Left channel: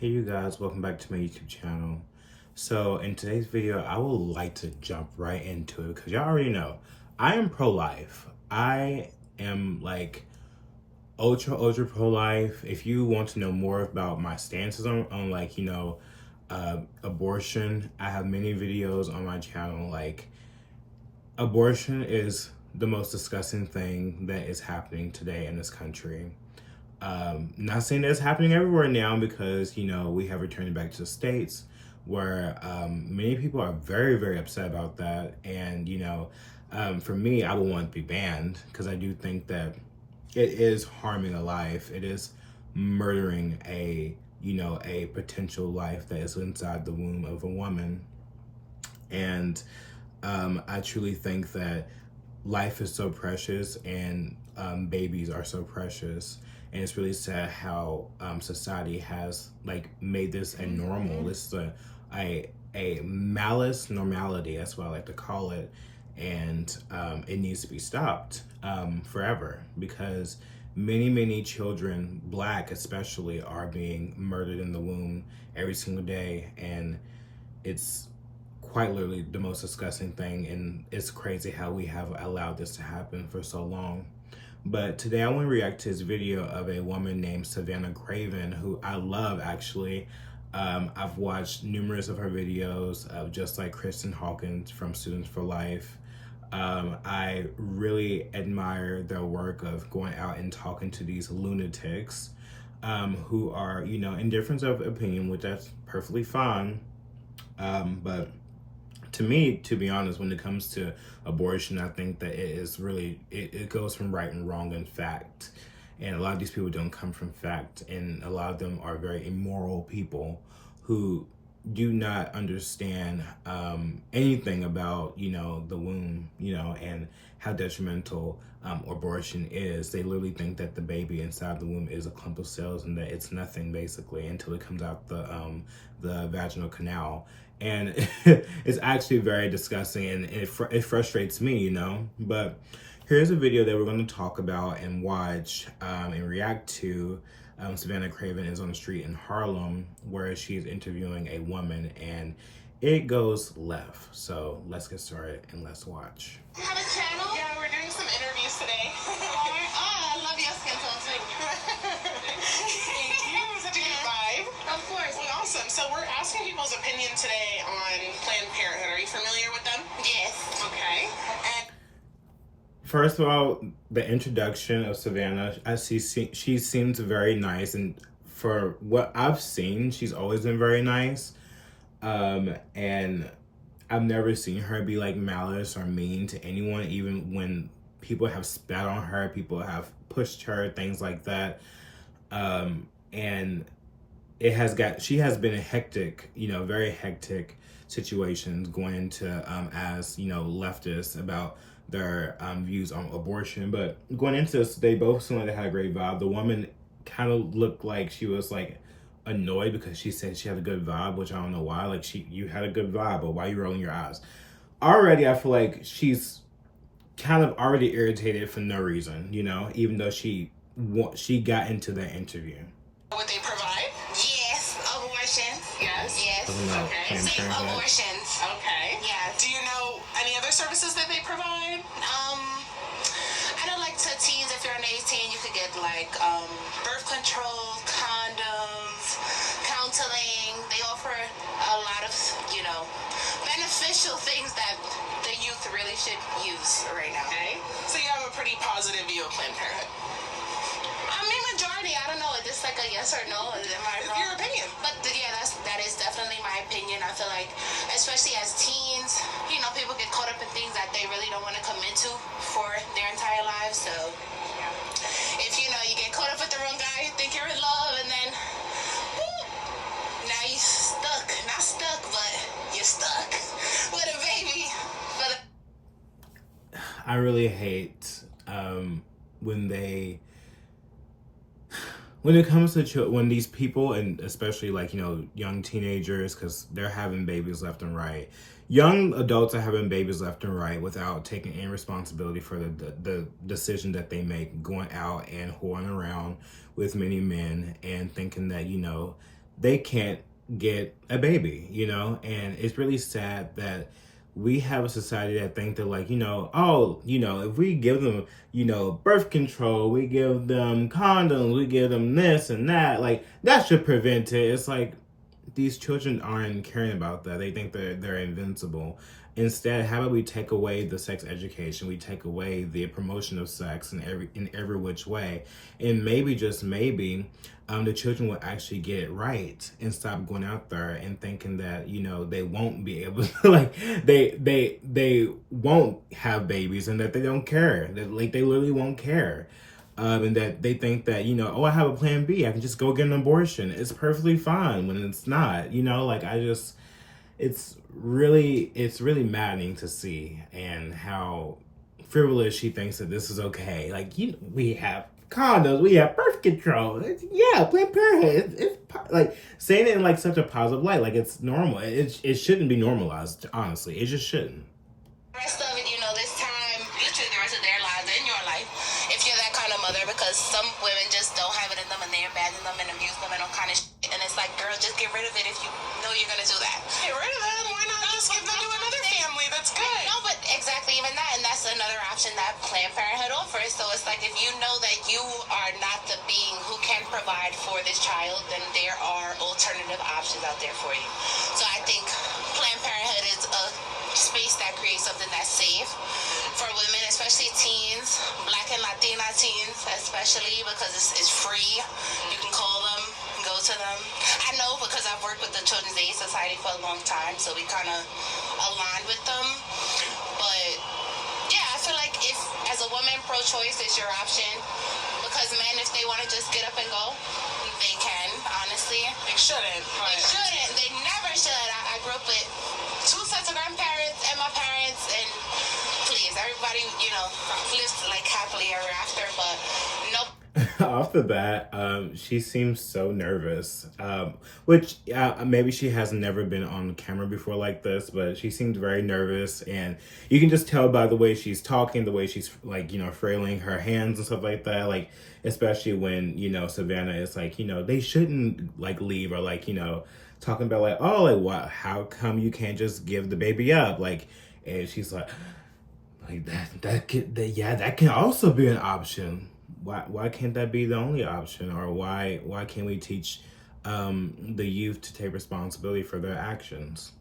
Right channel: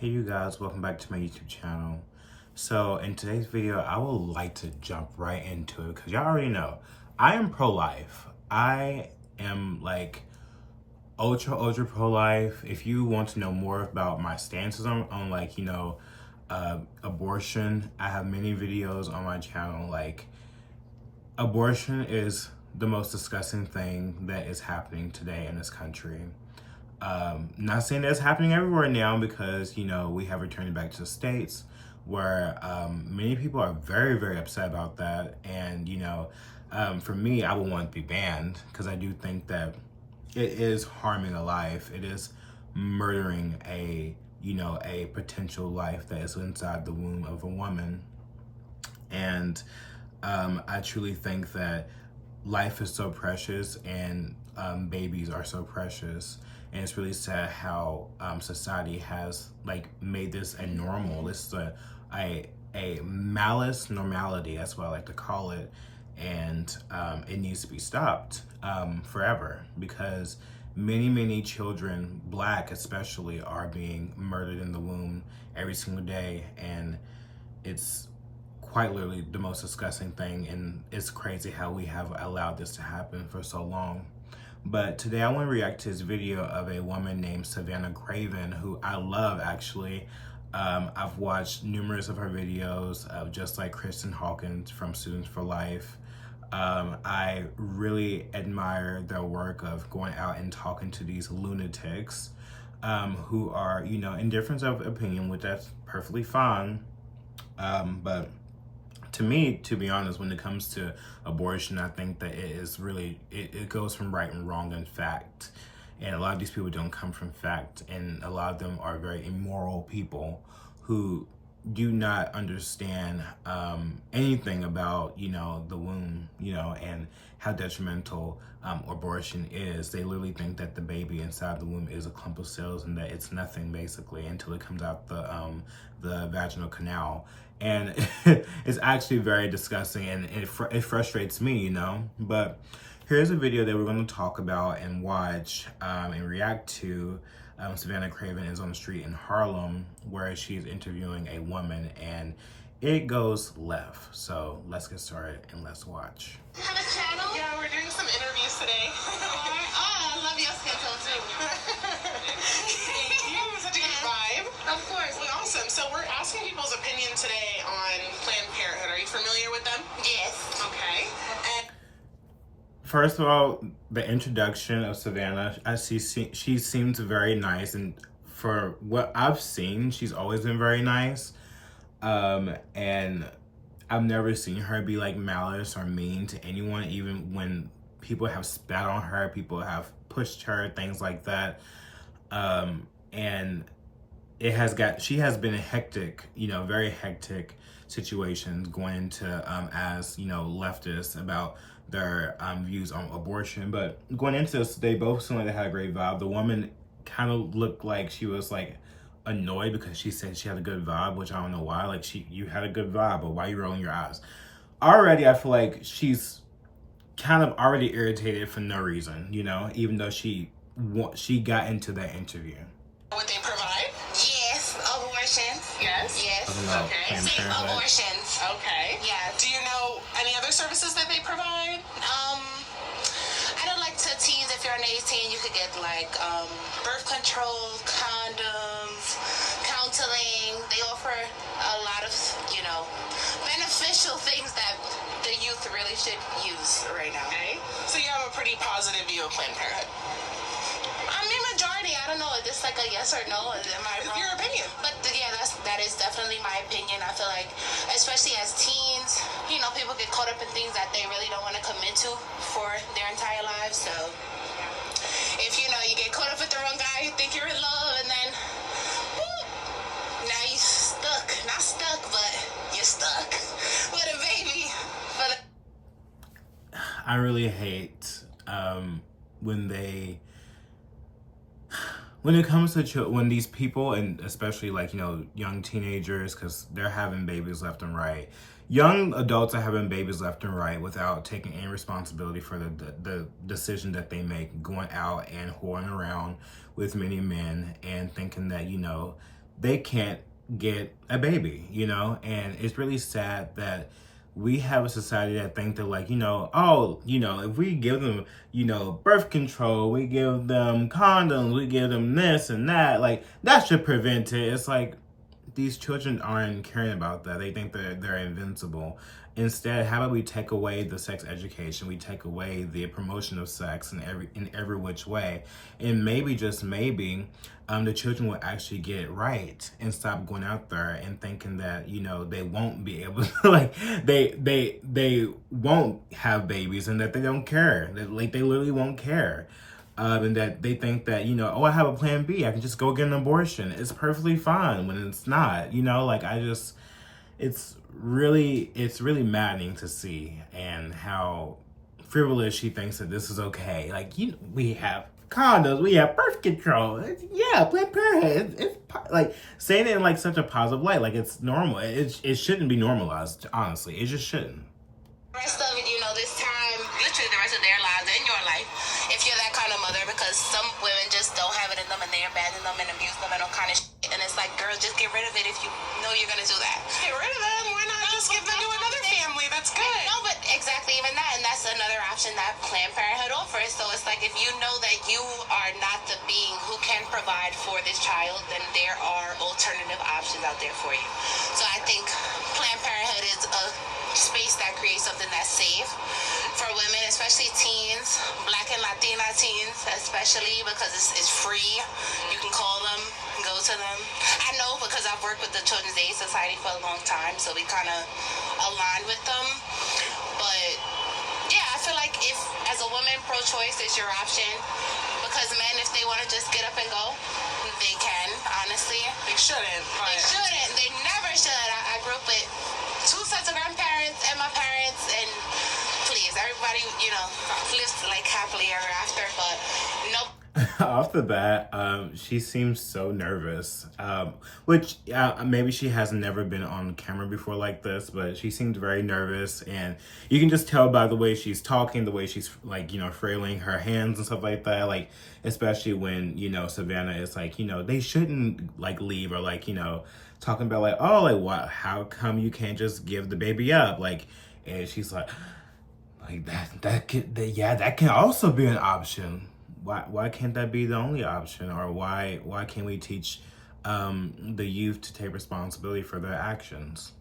Hey you guys, welcome back to my YouTube channel. So in today's video, I would like to jump right into it because y'all already know, I am pro-life. I am like ultra pro-life. If you want to know more about my stances on like, abortion, I have many videos on my channel. Like, abortion is the most disgusting thing that is happening today in this country. Not saying that's happening everywhere now because, we have returned back to the States where many people are very upset about that. And, for me, I would want it to be banned because I do think that it is harming a life. It is murdering a potential life that is inside the womb of a woman. And I truly think that life is so precious and babies are so precious. And it's really sad how society has like made this a normal. This is a malice normality. That's what I like to call it. And it needs to be stopped forever because many children, Black especially, are being murdered in the womb every single day. And it's quite literally the most disgusting thing. And it's crazy how we have allowed this to happen for so long. But today I want to react to this video of a woman named Savannah, who I love actually. I've watched numerous of her videos, just like Kristen Hawkins from Students for Life. I really admire their work of going out and talking to these lunatics who are, in difference of opinion, which that's perfectly fine. But to me, to be honest, when it comes to abortion, I think that it is really, it goes from right and wrong and fact. And a lot of these people don't come from fact. And a lot of them are very immoral people who do not understand anything about, the womb, and how detrimental abortion is. They literally think that the baby inside the womb is a clump of cells and that it's nothing basically until it comes out the vaginal canal. And it's actually very disgusting and it frustrates me, But here's a video that we're going to talk about and watch and react to. Savannah Craven is on the street in Harlem where she's interviewing a woman and it goes left. So let's get started and let's watch. You have a channel? Yeah, we're doing some interviews today. I love your skin tone too. Thank you. Such a good vibe. Of course. Well, awesome. So we're asking people's opinion today on Planned Parenthood. Are you familiar with them? Yes. Okay. And First of all, the introduction of Savannah, she seems very nice, and for what I've seen, she's always been very nice. And I've never seen her be like malice or mean to anyone, even when people have spat on her, people have pushed her, things like that. And she has been a hectic, very hectic situations going into as leftists about their views on abortion. But going into this, they both seemed like they had a great vibe. The woman kind of looked like she was like annoyed because she said she had a good vibe, which I don't know why. Like, you had a good vibe, but why are you rolling your eyes? Already, I feel like she's kind of already irritated for no reason, even though she got into that interview. would they provide? Yes. Abortions. Yes. Yes. Okay. Safe abortions. Okay. Yes. Do you know any other services that they provide? I don't like to teens. If you're an 18, you could get like birth control, condoms, counseling. They offer a lot of, beneficial things that the youth really should use right now. Okay. So you have a pretty positive view of Planned Parenthood. I mean, majority. I don't know. Is this like a yes or no? Am I It's wrong? your opinion. But yeah, that is definitely my opinion. I feel like, especially as teens, people get caught up in things that they really don't want to commit to for their entire lives. So if you get caught up with the wrong guy, you think you're in love, and then whoop, now you're stuck. Not stuck, but you're stuck with a baby. But I really hate when it comes to when these people, and especially like young teenagers, because they're having babies left and right. Young adults are having babies left and right without taking any responsibility for the decision that they make, going out and whoring around with many men and thinking that they can't get a baby, you know? And it's really sad that we have a society that think that, like, you know, oh, you know, if we give them, you know, birth control, we give them condoms, we give them this and that, like, that should prevent it. It's like, these children aren't caring about that. They think they're invincible. Instead, how about we take away the sex education? We take away the promotion of sex in every which way, and maybe, just maybe, the children will actually get it right and stop going out there and thinking that, you know, they won't be able to, like, they won't have babies, and that they don't care. That, like, they literally won't care. And that they think that, you know, oh, I have a plan B. I can just go get an abortion. It's perfectly fine when it's not, you know, like, it's really maddening to see, and how frivolous she thinks that this is okay. Like, you know, we have condoms, we have birth control. Yeah, Planned Parenthood. It's like saying it in like such a positive light, like it's normal. It shouldn't be normalized. Honestly, it just shouldn't. The rest of it, you know, this time, literally the rest of their lives and your life, if you're that kind of mother, because some women just don't have it in them and they abandon them and abuse them and all kind of shit. And it's like, girl, just get rid of it if you know you're gonna do that. Get rid of them. Why not just give them to another family? That's good. No, but exactly, even that, and that's another option that Planned Parenthood offers. So it's like, if you know that you are not the being who can provide for this child, then there are alternative options out there for you. So I think Planned Parenthood is a space that creates something that's safe for women, especially teens, Black and Latina teens especially, because it's free. You can call them, go to them. I know, because I've worked with the Children's Aid Society for a long time, so we kind of aligned with them. But yeah, I feel like if, as a woman, pro-choice is your option, because men, if they want to just get up and go, they can, honestly. They shouldn't. But... They shouldn't. They never should. I grew up with 2 sets of grandparents and my parents, and please, everybody, you know, lives like happily ever after, but nope. Off the bat, she seems so nervous, which maybe she has never been on camera before like this, but she seems very nervous, and you can just tell by the way she's talking, the way she's, like, you know, frailing her hands and stuff like that, like, especially when, you know, Savannah is like, you know, they shouldn't, like, leave, or, like, you know, talking about, like, oh, like, what, how come you can't just give the baby up, like, and she's like that can also be an option. Why can't that be the only option? Or why can't we teach the youth to take responsibility for their actions?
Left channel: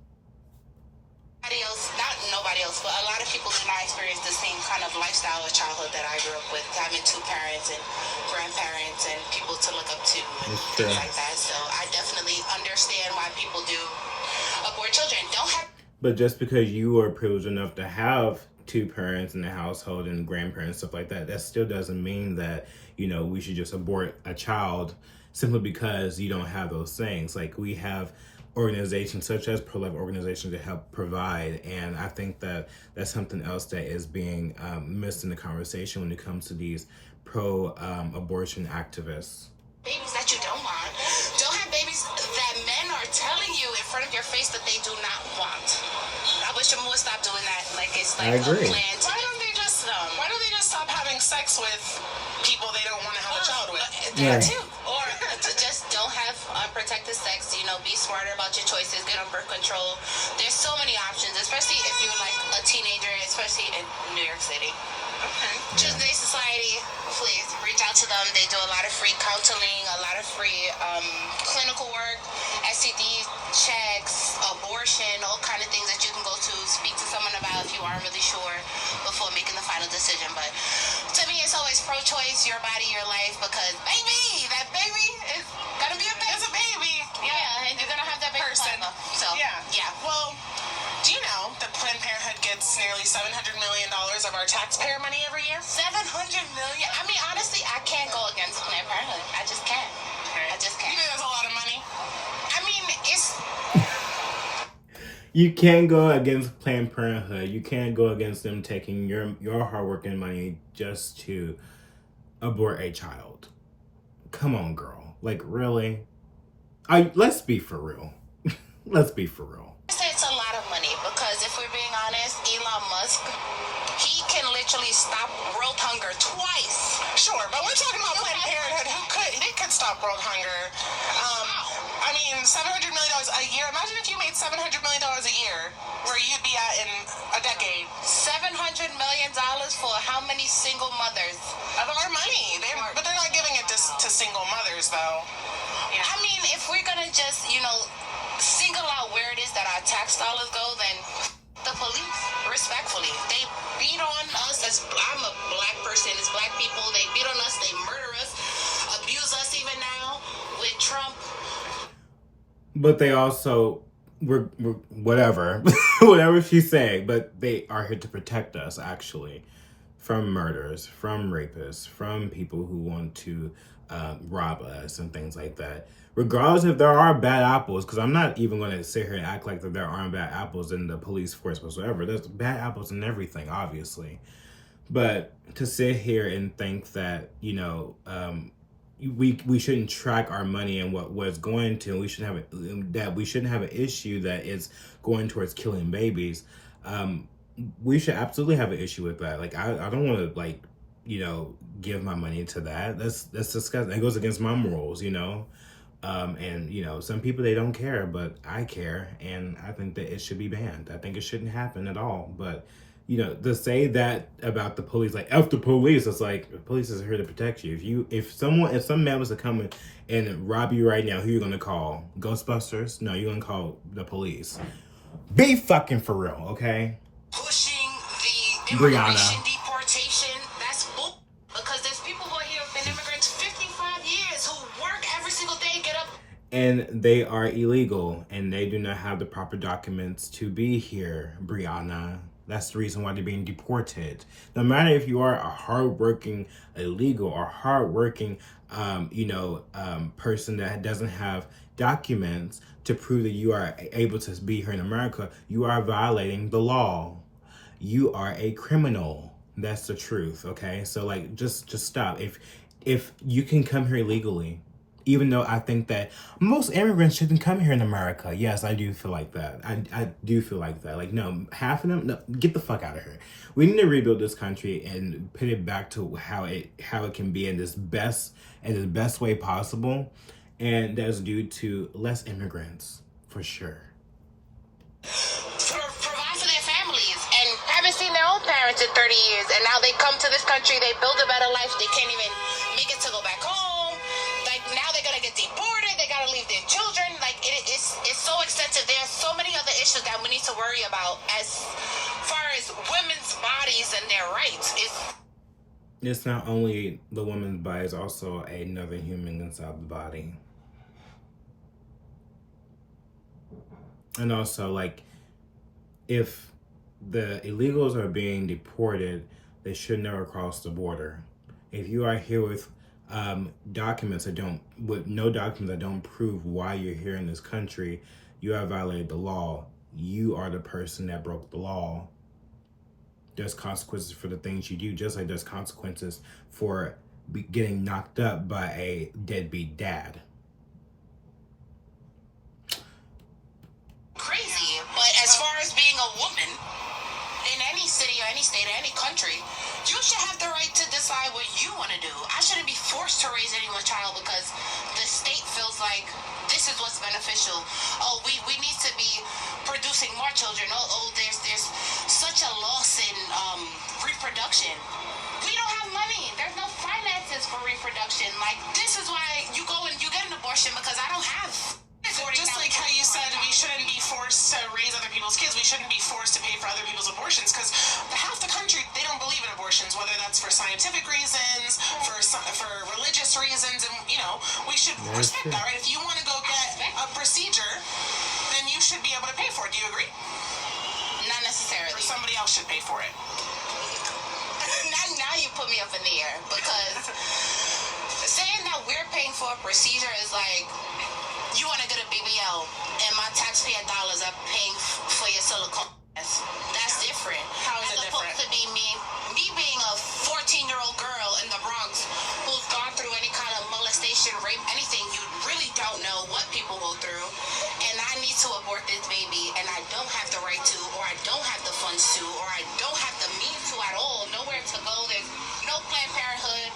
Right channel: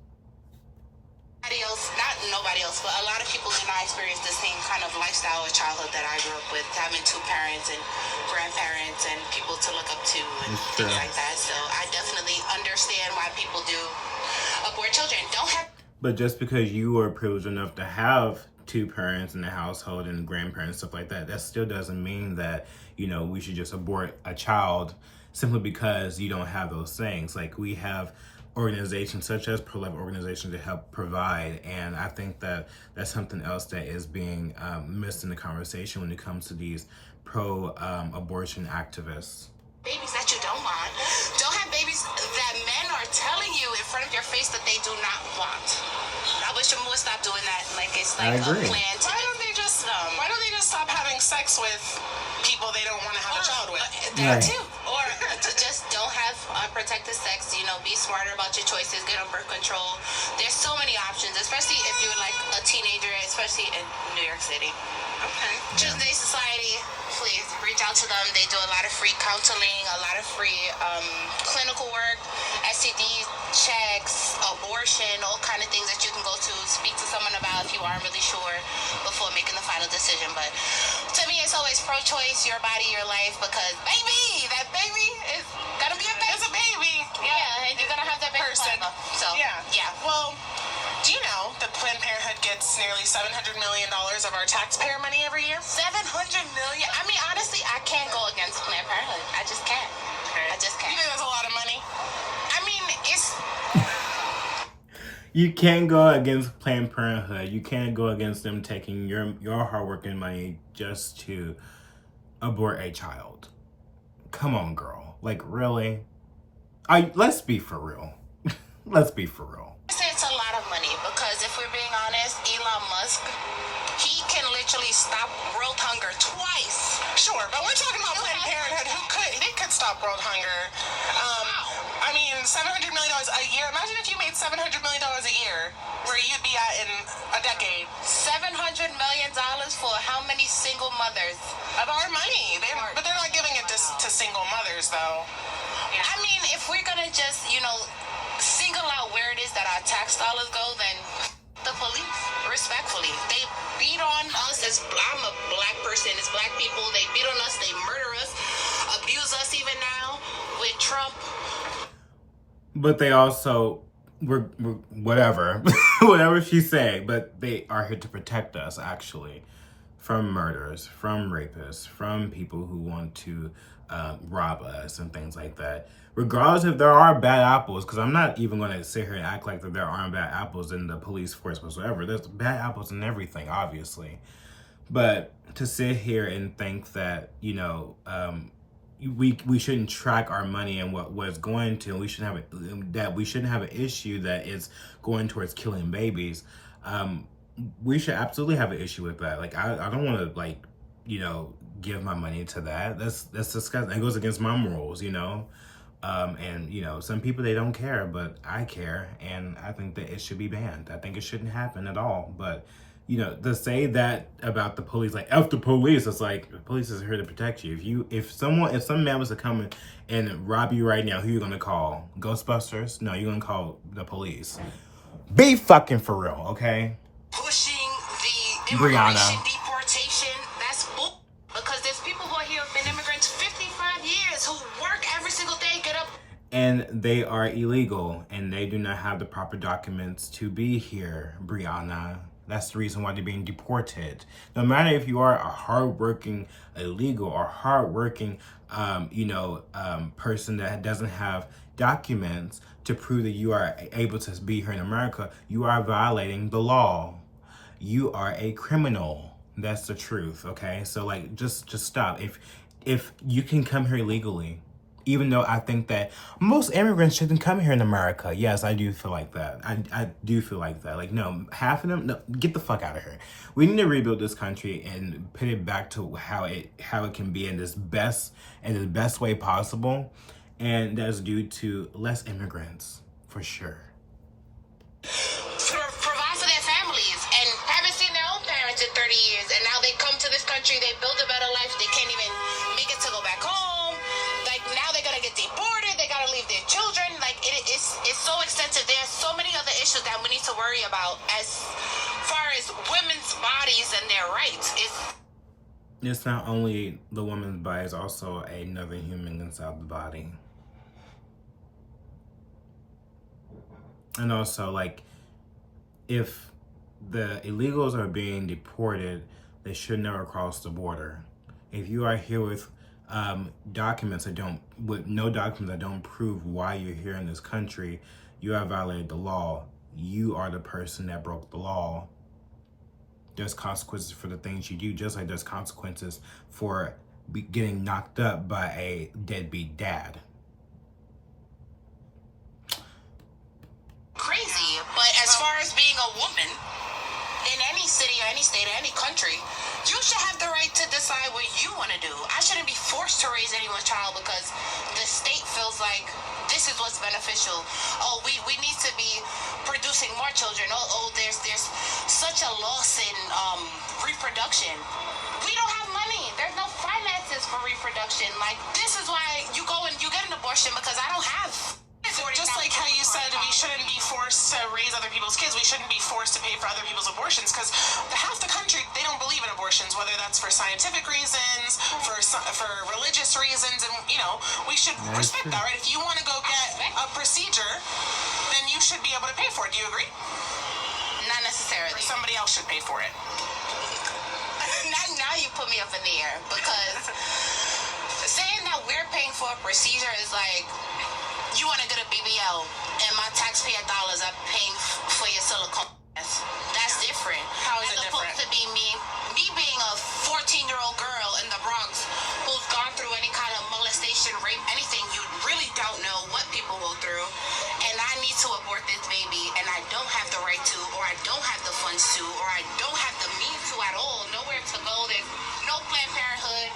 Nobody else, but a lot of people did not experience the same kind of lifestyle or childhood that I grew up with, having 2 parents and grandparents and people to look up to and things like that. So I definitely understand why people do abort children. But just because you are privileged enough to have 2 parents in the household and grandparents, stuff like that, that still doesn't mean that, you know, we should just abort a child simply because you don't have those things. Like, we have organizations such as pro-life organizations to help provide, and I think that that's something else that is being missed in the conversation when it comes to these pro-abortion activists. Babies that you don't want. Don't have babies that men are telling you in front of your face that they do not want. I wish them would stop doing that. Like, it's like a plan to... Why don't they just stop having sex with people they don't want to have a child with? That too. Or just don't have unprotected sex. You know, be smarter about your choices. Get on birth control. There's so many options, especially if you're like a teenager, especially in New York City. Okay. Children's Aid Society, please reach out to them. They do a lot of free counseling, a lot of free clinical work, STD checks, abortion, all kind of things that you can go to speak to someone about if you aren't really sure before making the final decision. But to me, it's always pro-choice, your body, your life, because that baby is gonna be a baby. It's a baby. Yeah, and you're gonna have that baby person. So yeah. Well, do you know that Planned Parenthood gets nearly $700 million of our taxpayer money every year? $700 million. I mean, honestly, I can't go against Planned Parenthood. I just can't. I just can't. You think that's a lot of money? I mean, it's... You can't go against Planned Parenthood. You can't go against them taking your hard-working money just to abort a child. Come on, girl. Like, really? Let's be for real. Let's be for real. I say it's a lot of money, because if we're being honest, Elon Musk, he can literally stop world hunger twice. Sure, but we're talking about Planned Parenthood, they could stop world hunger. I mean, $700 million a year. Imagine if you made $700 million a year, where you'd be at in a decade. $700 million for how many single mothers? Of our money. But they're not giving it to single mothers, though. Yeah. I mean, if we're gonna just, single out where it is that our tax dollars go, then the police, respectfully. They beat on us I'm a black person, as black people. They beat on us, they murder us, abuse us even now with Trump. But they also, we're whatever, whatever she's saying, but they are here to protect us, actually, from murders, from rapists, from people who want to rob us and things like that. Regardless if there are bad apples, because I'm not even going to sit here and act like that there aren't bad apples in the police force whatsoever. There's bad apples in everything, obviously. But to sit here and think that, we shouldn't track our money and what it's going to, we shouldn't have an issue that it's going towards killing babies. We should absolutely have an issue with that. Like, I don't want to give my money to that. That's disgusting. That goes against my morals, and some people, they don't care, but I care, and I think that it should be banned. I think it shouldn't happen at all. But to say that about the police, like, F the police, it's like, the police is here to protect you. If some man was to come and rob you right now, who you gonna call? Ghostbusters? No, you're gonna call the police. Be fucking for real, okay? Pushing the immigration deportation, that's bull. Because there's people who are here who've been immigrants 55 years, who work every single day, get up. And they are illegal, and they do not have the proper documents to be here, Brianna. That's the reason why they're being deported. No matter if you are a hardworking illegal or hardworking, person that doesn't have documents to prove that you are able to be here in America, you are violating the law. You are a criminal. That's the truth, okay? So, just stop. If you can come here legally, even though I think that most immigrants shouldn't come here in America. Yes, I do feel like that. I do feel like that. Like, no, half of them, no, get the fuck out of here. We need to rebuild this country and put it back to how it can be in the best way possible. And that's due to less immigrants, for sure. Provide for their families, and haven't seen their own parents in 30 years, and now they come to this country, they build a better life, they can't even make it to go back home. Like, now they're gonna get deported, they gotta leave their children. Like, it's so extensive. There's so many other issues that we need to worry about as far as women's bodies and their rights. It's not only the woman's body, it's also another human inside the body. And also, if the illegals are being deported, they should never cross the border. If you are here with no documents that don't prove why you're here in this country, you have violated the law. You are the person that broke the law. There's consequences for the things you do, just like there's consequences for getting knocked up by a deadbeat dad. Crazy, but as far as being a woman in any city or any state or any country, you should have the right to decide what you want to do. I shouldn't be forced to raise anyone's child because the state feels like this is what's beneficial. Oh, we need to be producing more children. Oh, there's such a loss in reproduction. We don't have money. There's no finances for reproduction. Like, this is why you go and you get an abortion, because I don't have. Just like how you said we shouldn't be forced to raise other people's kids, we shouldn't be forced to pay for other people's abortions, because half the country, they don't believe in abortions, whether that's for scientific reasons, for religious reasons, and we should respect that, right? If you want to go get a procedure, then you should be able to pay for it. Do you agree? Not necessarily. Or somebody else should pay for it. Now you put me up in the air, because saying that we're paying for a procedure is like, you want to get a BBL, and my taxpayer dollars are paying for your silicone. That's different. How is it different? As opposed to be me being a 14-year-old girl in the Bronx who's gone through any kind of molestation, rape, anything. You really don't know what people go through, and I need to abort this baby, and I don't have the right to, or I don't have the funds to, or I don't have the means to at all. Nowhere to go. There's no Planned Parenthood.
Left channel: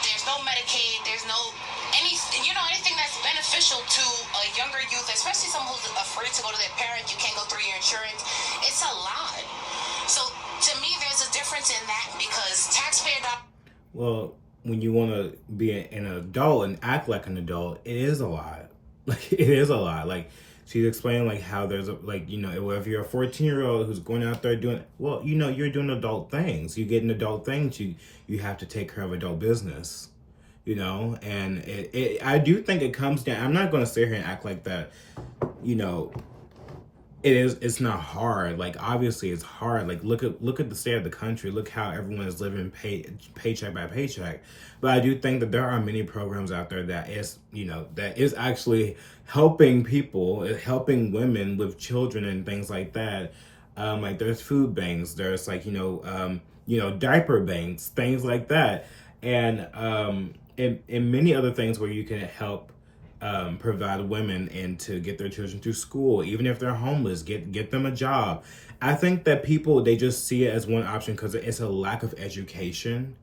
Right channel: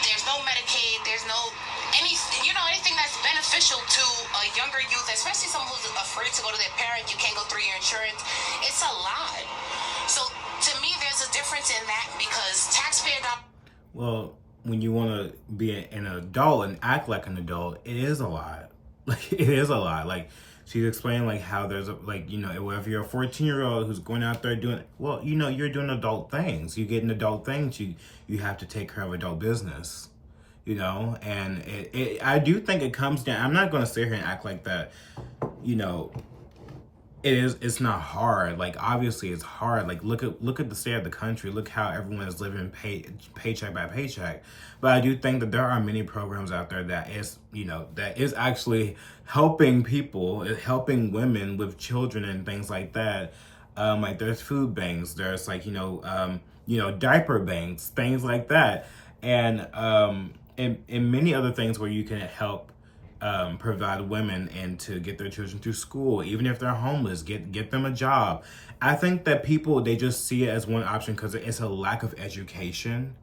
There's no Medicaid. There's no anything that's beneficial to a younger youth, especially someone who's afraid to go to their parent, you can't go through your insurance. It's a lot. So to me, there's a difference in that because taxpayer dollars. Well, when you want to be an adult and act like an adult, it is a lot. Like, it is a lot. Like, she's explaining, like, how there's, if you're a 14-year-old who's going out there doing, you're doing adult things. You get in adult things, you have to take care of adult business, and I do think it comes down, I'm not going to sit here and act like that, it's not hard. Like, obviously it's hard. Like, look at the state of the country. Look how everyone is living paycheck by paycheck. But I do think that there are many programs out there that is actually helping people, helping women with children and things like that. Like, there's food banks, there's diaper banks, things like that, and many other things where you can help provide women and to get their children through school, even if they're homeless, get them a job. I think that people, they just see it as one option because it's a lack of education,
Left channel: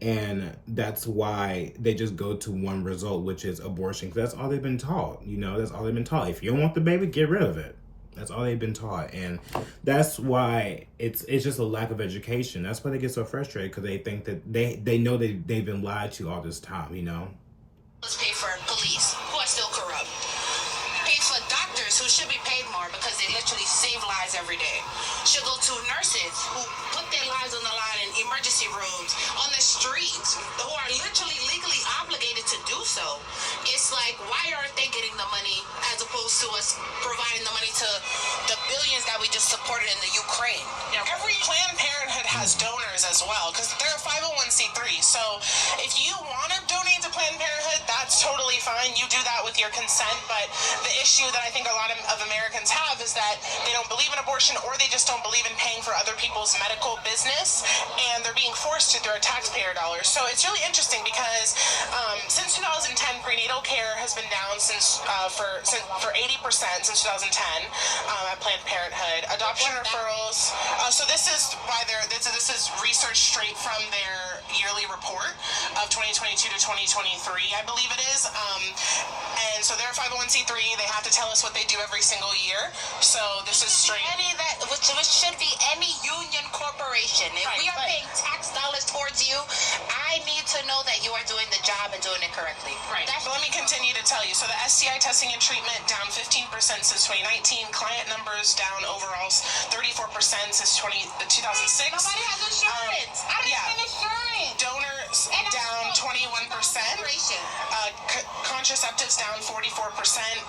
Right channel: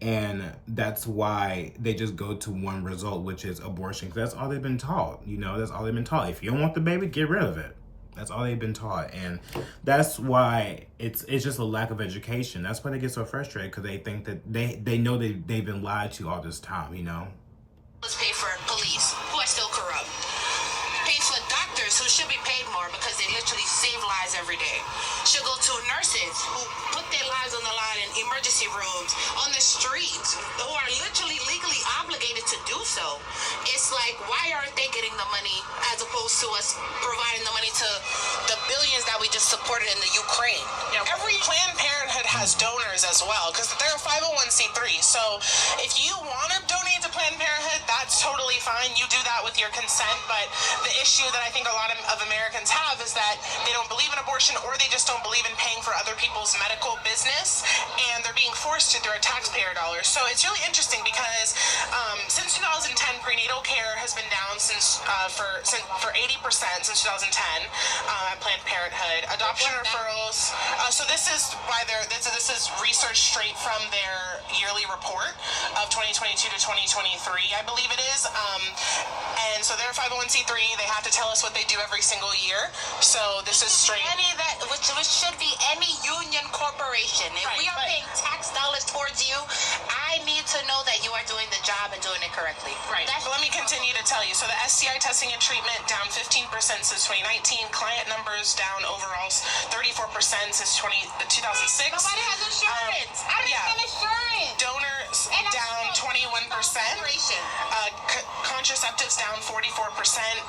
and that's why they just go to one result, which is abortion, because that's all they've been taught. That's all they've been taught. If you don't want the baby, get rid of it. That's all they've been taught, and that's why it's just a lack of education. That's why they get so frustrated, because they think that they know they've been lied to all this time. Let's pay for police, who are still corrupt. Pay for doctors, who should be paid more because they literally save lives every day. Should go to nurses, who put their lives on the line in emergency rooms, on the streets, who are literally legally obligated to do so. It's like, why aren't they getting the money as opposed to us providing the money to the billions that we just supported in the Ukraine? Yeah, every Planned Parenthood has donors as well, because they're a 501c3. So if you want to donate to Planned Parenthood, that's totally fine. You do that with your consent. But the issue that I think a lot of Americans have is that they don't believe in abortion, or they just don't believe in paying for other people's medical business, and they're being forced to through our taxpayer dollars. So it's really interesting because since 2010, prenatal care has been down for 80% since 2010 at Planned Parenthood. Adoption referrals. So this is this is research straight from their yearly report of 2022 to 2023, I believe it is. And so they're 501c3. They have to tell us what they do every single year. So this is straight. Which should be any union corporation. If we are paying tax dollars towards you, I need to know that you are doing the job and doing it correctly. Right. But let me continue to tell you. So the STI testing and treatment down 15% since 2019. Client numbers down overall 34% since 2006. Nobody has insurance. I don't have insurance. Donors down 21%. Contraceptives down 44%.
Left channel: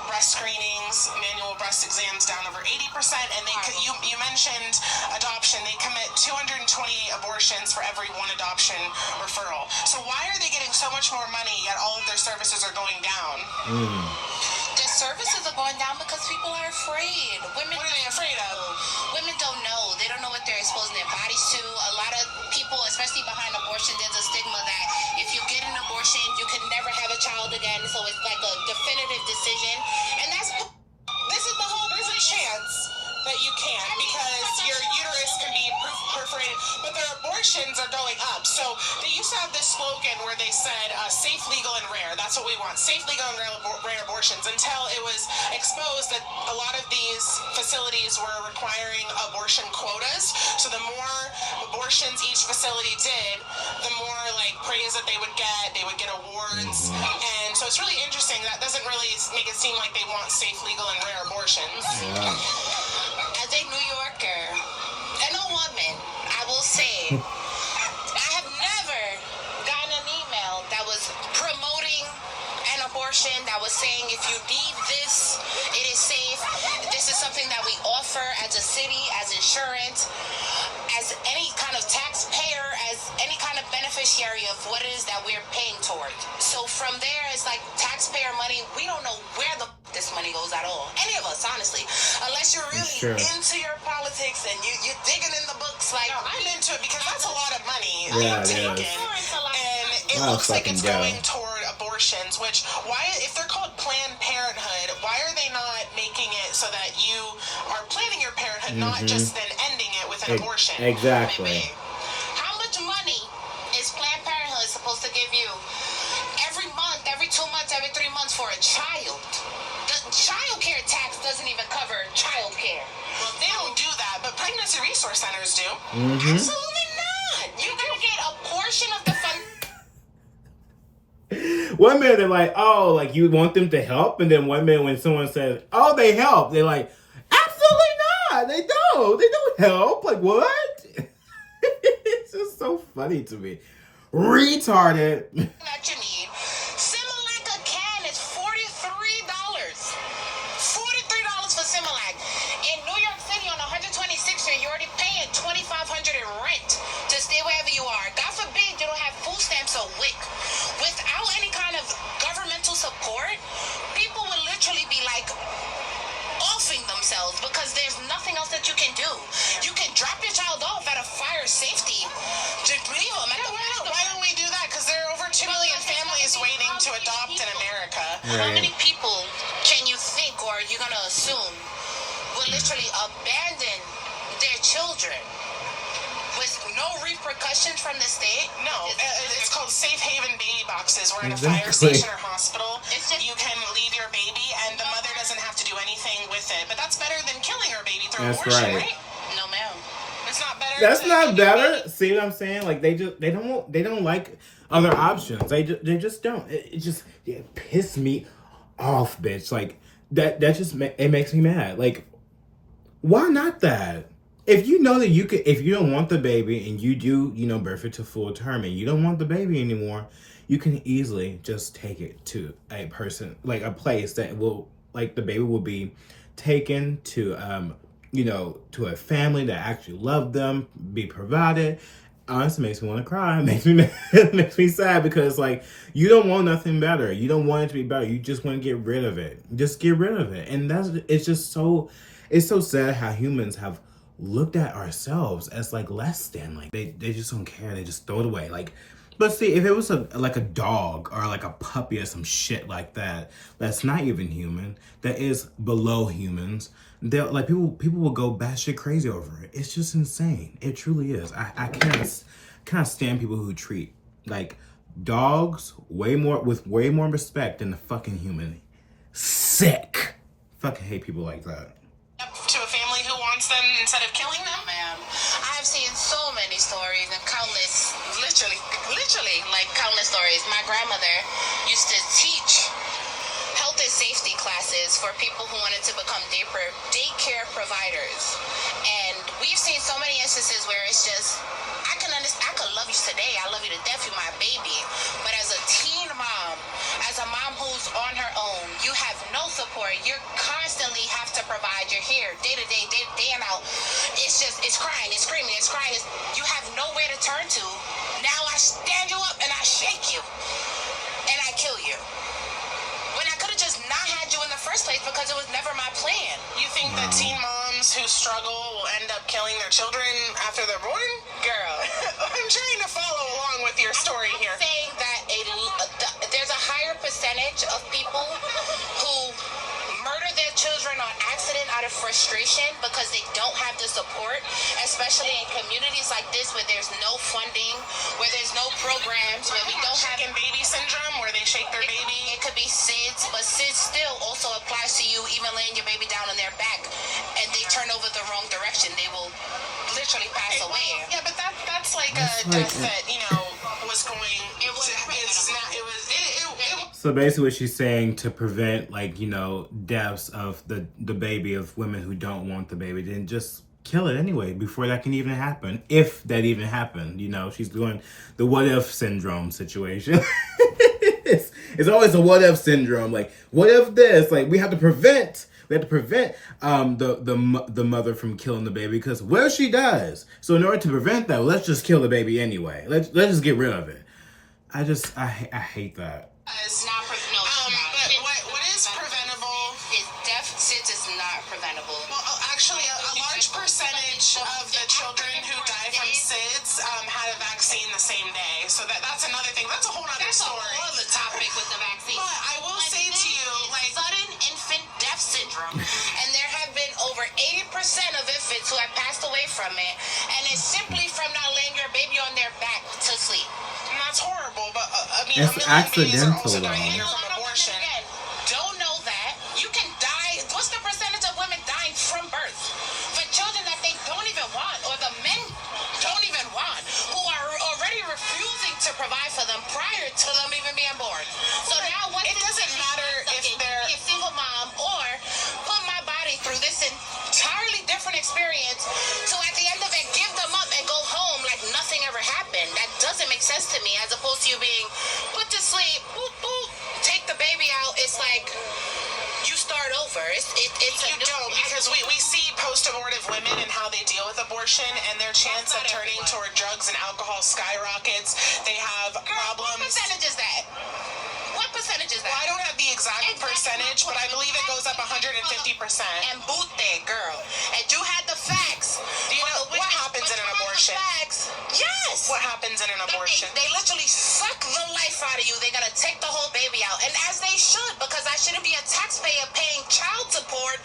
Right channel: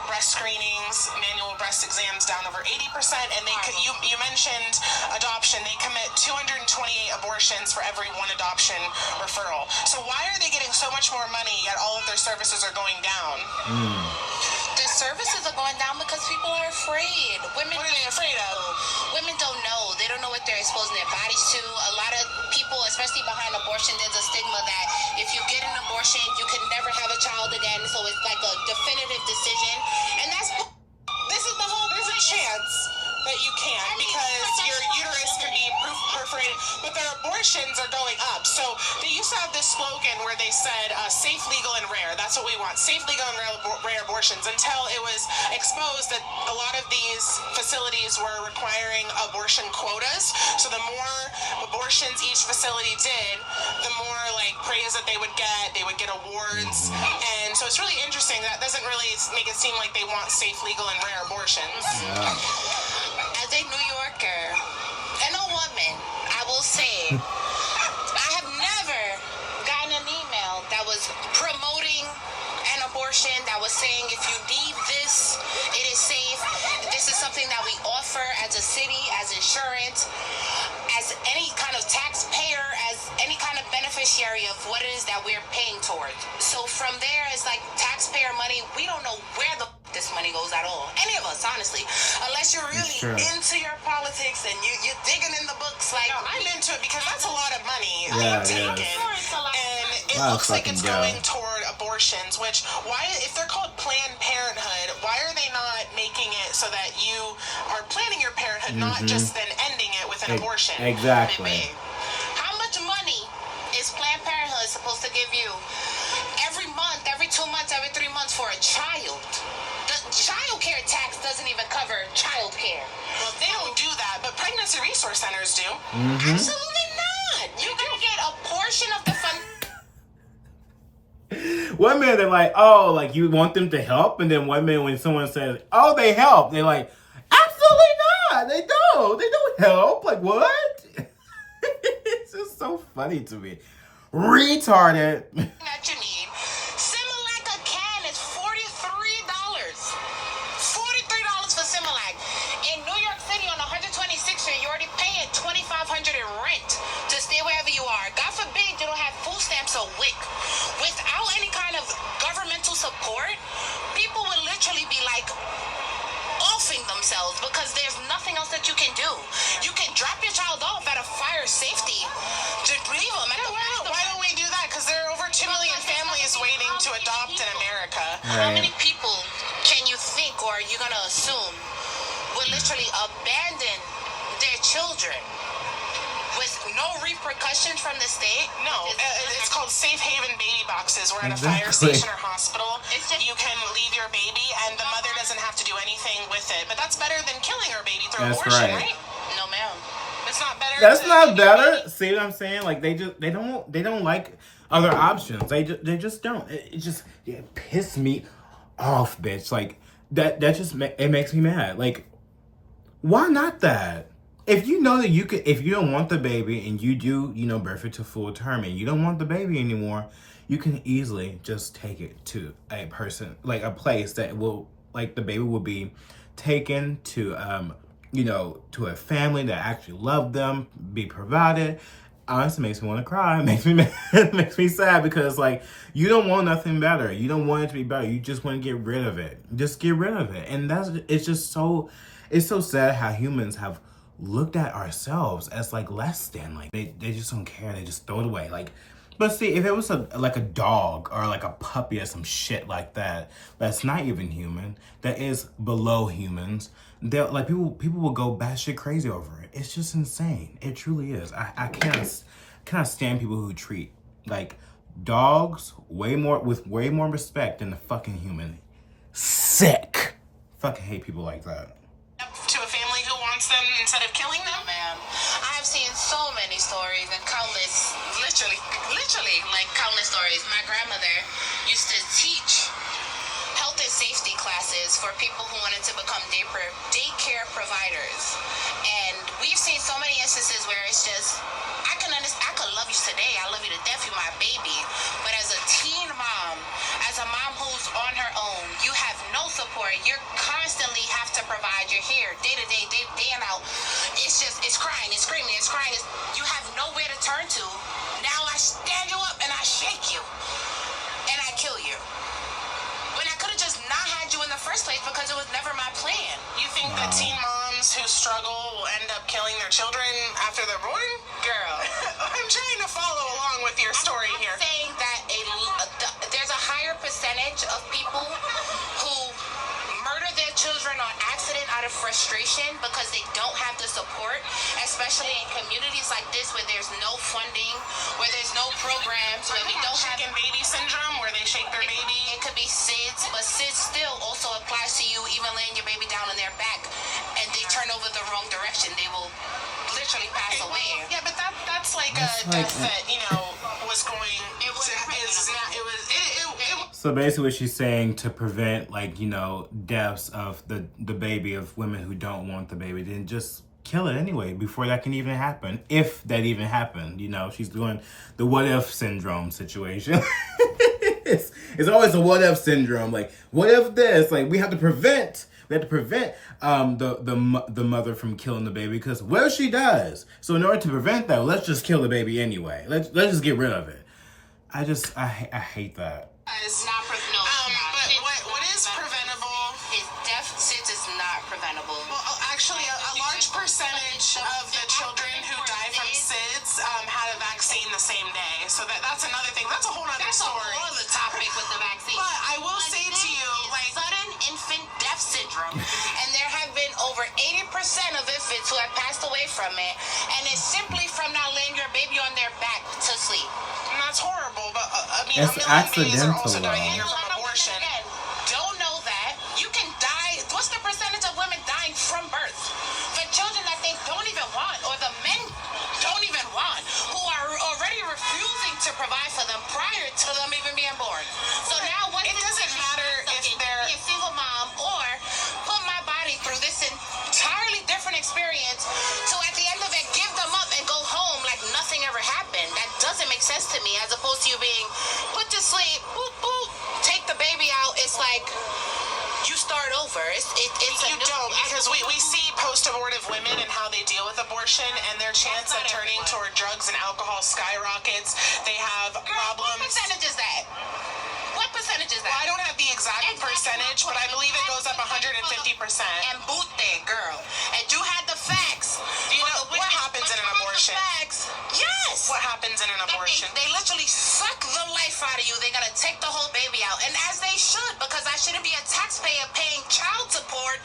Breast screenings, manual breast exams down over 80%. And you mentioned adoption. They commit 228 abortions for every one adoption referral. So why are they getting so much more money yet all of their services are going down? The services are going down because people are afraid. What are they afraid of? Women don't know. They don't know what they're exposing their bodies to. A lot of people, especially behind abortion, there's a stigma that if you get an abortion, you can never have a child again. So it's like a definitive decision. And there's a chance that you can't, because your uterus can be perforated, but their abortions are going up. So they used to have this slogan where they said safe, legal, and rare. That's what we want, safe, legal, and rare abortions, until it was exposed that a lot of these facilities were requiring abortion quotas. So the more abortions each facility did, the more praise that they would get awards. And so it's really interesting. That doesn't really make it seem like they want safe, legal, and rare abortions. Yeah. As a New Yorker and a woman, I will say, I have never gotten an email that was promoting an abortion, that was saying if you need this, it is safe. This is something that we offer as a city, as insurance, as any kind of taxpayer, as any kind of beneficiary of what it is that we're paying towards. So from there, it's like taxpayer money. We don't know where the this money goes at all. Any of us, honestly. Unless you're really into your politics and you're digging in the books. Like, I'm into it because that's a lot of money. Yeah, taken. And it looks like it's going toward abortions, which, why, if they're called Planned Parenthood, why are they not making it so that you are planning your parenthood, not just then ending it with an abortion? Exactly. How much money is Planned Parenthood supposed to give you? Every month, every 2 months, a child. The child care tax doesn't even cover child care. Well, they don't do that, but pregnancy resource centers do. Absolutely not. You're gonna get a portion of the fund. One minute they're like, oh, like you want them to help, and then one minute when someone says, oh, they help, they're like, absolutely not. They don't. They don't help. Like what? It's just so funny to me. Retarded. That you need. Similac a can is $43. $43 for Similac. In New York City on 126th Street, you're already paying $2,500 in rent to stay wherever you are. God forbid you don't have food stamps or WIC. Without any kind of governmental support, people will literally be like offing themselves because there's nothing else that you can do. You can drop your child off at a fire safety. Just leave them at the Why don't we do that? Because there are over 2 million families waiting to adopt in America. How many people can you think or are you going to assume will literally abandon their children with no repercussions from the state? No, it's called safe haven baby boxes. We're at a Exactly. fire station or hospital. It's just- You can leave your baby, and the mother doesn't have to do anything with it. But that's better than killing her baby through That's abortion, right. right? No, ma'am. It's not better. That's to not kill your better. baby? See what I'm saying? Like they don't like other options. They just don't. It piss me off, bitch. Like that just it makes me mad. Like why not that? If you know that if you don't want the baby and you do, birth it to full term and you don't want the baby anymore, you can easily just take it to a person, like a place that will, like the baby will be taken to, to a family that actually love them, be provided. Honestly, it makes me want to cry. It makes me it makes me sad because like you don't want nothing better. You don't want it to be better. You just want to get rid of it. Just get rid of it. And it's so sad how humans have looked at ourselves as like less than. Like they just don't care. They just throw it away. Like, but see, if it was like a dog or like a puppy or some shit like that, that's not even human, that is below humans, they're like people will go batshit crazy over it. It's just insane. It truly is. I cannot stand people who treat like dogs with way more respect than the fucking human. Sick. Fucking hate people like that. To a family who wants them instead of killing them? Ma'am, I've seen so many stories and countless, literally, like countless stories. My grandmother used to teach health and safety classes for people who wanted to become daycare providers. And we've seen so many instances where it's just, I could love you today, I love you to death, you're my baby. But as a teen mom, as a mom who's on her own, you have no support. You constantly have to provide. You're here day to day, day in out. It's crying, it's screaming, it's crying. You have nowhere to turn to. Now I stand you up and I shake you. And I kill you. When I could have just not had you in the first place because it was never my plan. You think that teen moms who struggle will end up killing their children after they're born? Girl. I'm trying to follow along with your story I'm here. saying that there's a higher percentage of people who murder their children on accident out of frustration because they don't have the support, especially in communities like this where there's no funding, where there's no programs, where we don't have chicken baby syndrome where they shake their baby. It could be SIDS, but SIDS still also applies to you even laying your baby down on their back and they turn over the wrong direction. They will literally pass away. Yeah, but that's like a death that, was going. It was not. It was. So basically what she's saying, to prevent deaths of the baby, of women who don't want the baby, then just kill it anyway before that can even happen. If that even happened, she's doing the what if syndrome situation. it's always a what if syndrome. Like, what if this? Like, we have to prevent the mother from killing the baby, because what if she does? So in order to prevent that, let's just kill the baby anyway. Let's just get rid of it. I hate that. It's not preventable. But what is preventable? SIDS is not preventable. Well, actually, a large percentage of the children who die from SIDS had a vaccine the same day. So that's another thing. That's a whole other That's a story. whole other topic with the vaccine. But I will say to you, like, sudden infant death syndrome, and there have been over 80% of infants who have passed away from it, and it's simply from not laying your baby on their back to sleep. and that's horrible. But I mean, It's a million babies are accidental, also dying though. here from abortion. percentage of women dying from birth for children that they don't even want, or the men don't even want, who are already refusing to provide for them prior to them even being born. So now what? It doesn't matter if they're be a single mom or put my body through this entirely different experience to at the end of it give them up and go home like nothing ever happened. That doesn't make sense to me, as opposed to you being put to sleep, boop, boop, take the baby out. It's like you start over. It's you don't, because we see post-abortive women and how they deal with abortion, and their chance of turning toward drugs and alcohol skyrockets. They have problems. What percentage is that? What percentage is that? Well, I don't have the exact percentage, but I believe it goes up 150%. And boot there, girl. And you had the facts. Do you know what happens in an abortion? Yes. What happens in an abortion? They literally suck the life out of you. They're gonna take the whole baby out, and as they should, because I shouldn't be a taxpayer paying child support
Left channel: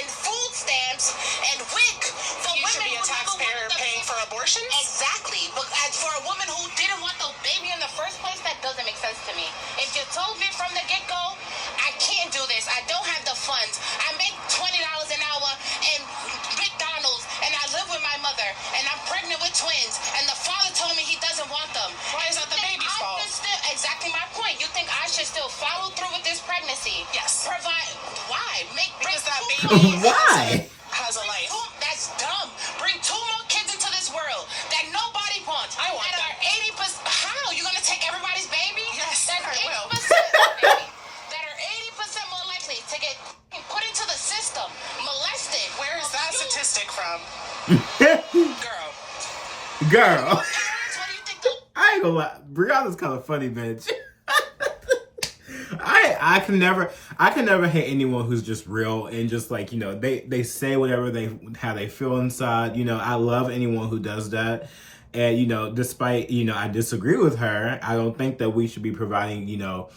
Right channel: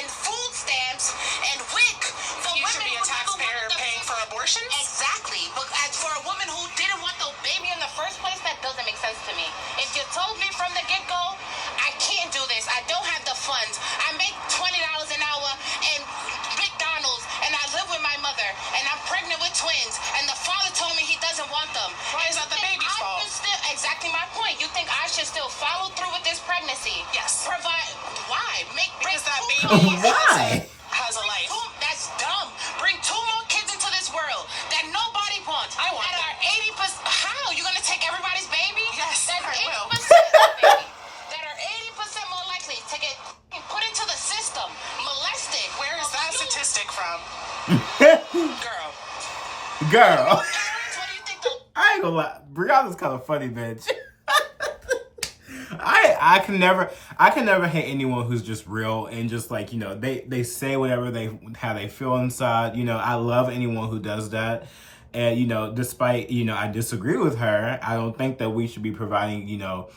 and food stamps and WIC for You women should be a who never taxpayer wanted the paying for abortions? Exactly. But as for a woman who didn't want the baby in the first place, that doesn't make sense to me. If you told me from the get-go, I can't do this, I don't have the funds, I make $20 an hour in McDonald's, and I live with my mother, and I'm pregnant with twins, and the father told me he doesn't want them. Why is that the baby's fault? Exactly my point. You think I should still follow through with this pregnancy? Yes. Provide. Why? Because that baby Why? has a life. That's dumb. Bring 2 more kids into this world that nobody wants. I want that them. are 80%. How? You gonna take everybody's baby? Yes, That's I will. 80% that are 80% more likely to get put into the system, molested. Where is that statistic from? Girl. Girl. Parents, what do you think the I ain't gonna lie. Brianna's kind of funny, bitch. I can never hate anyone who's just real and just like, you know, they say whatever how they feel inside. You know, I love anyone who does that. And, you know, despite, you know, I disagree with her, I don't think that we should be providing, you know,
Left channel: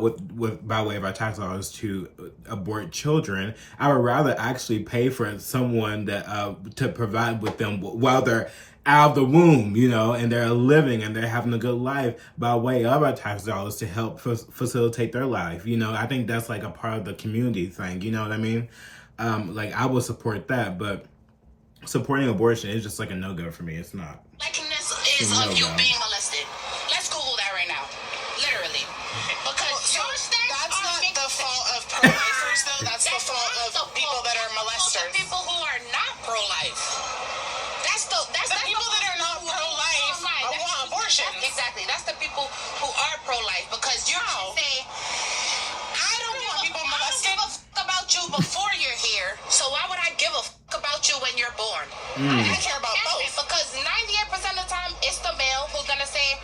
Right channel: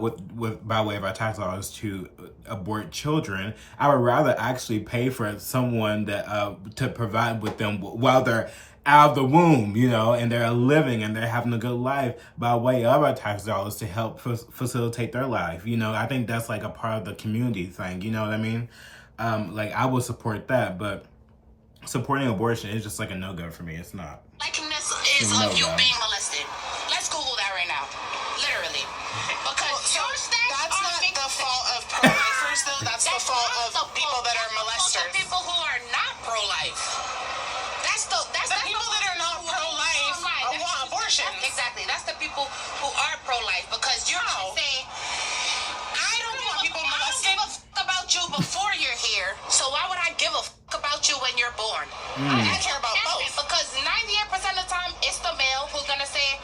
with by way of our tax dollars to abort children. I would rather actually pay for someone that to provide with them while they're out of the womb, you know, and they're living and they're having a good life by way of our tax dollars to help facilitate their life. You know, I think that's like a part of the community thing. You know what I mean? Like I would support that, but supporting abortion is just like a no-go for me. It's not. likeness is of you being molested? Let's Google that right now. Literally. Because your stats That's are not making the fault of pro-lifers, though. That's the fault not of the people fault. that are That's the fault of molesters. people who are not pro-life. That's The people that are not pro-life want abortions. Exactly. That's the people who are pro-life, because you're saying, I don't give a fuck about you before you're here, so why would I give a fuck about you when you're born? I care about both. Because 98% of the time, it's the male who's gonna say,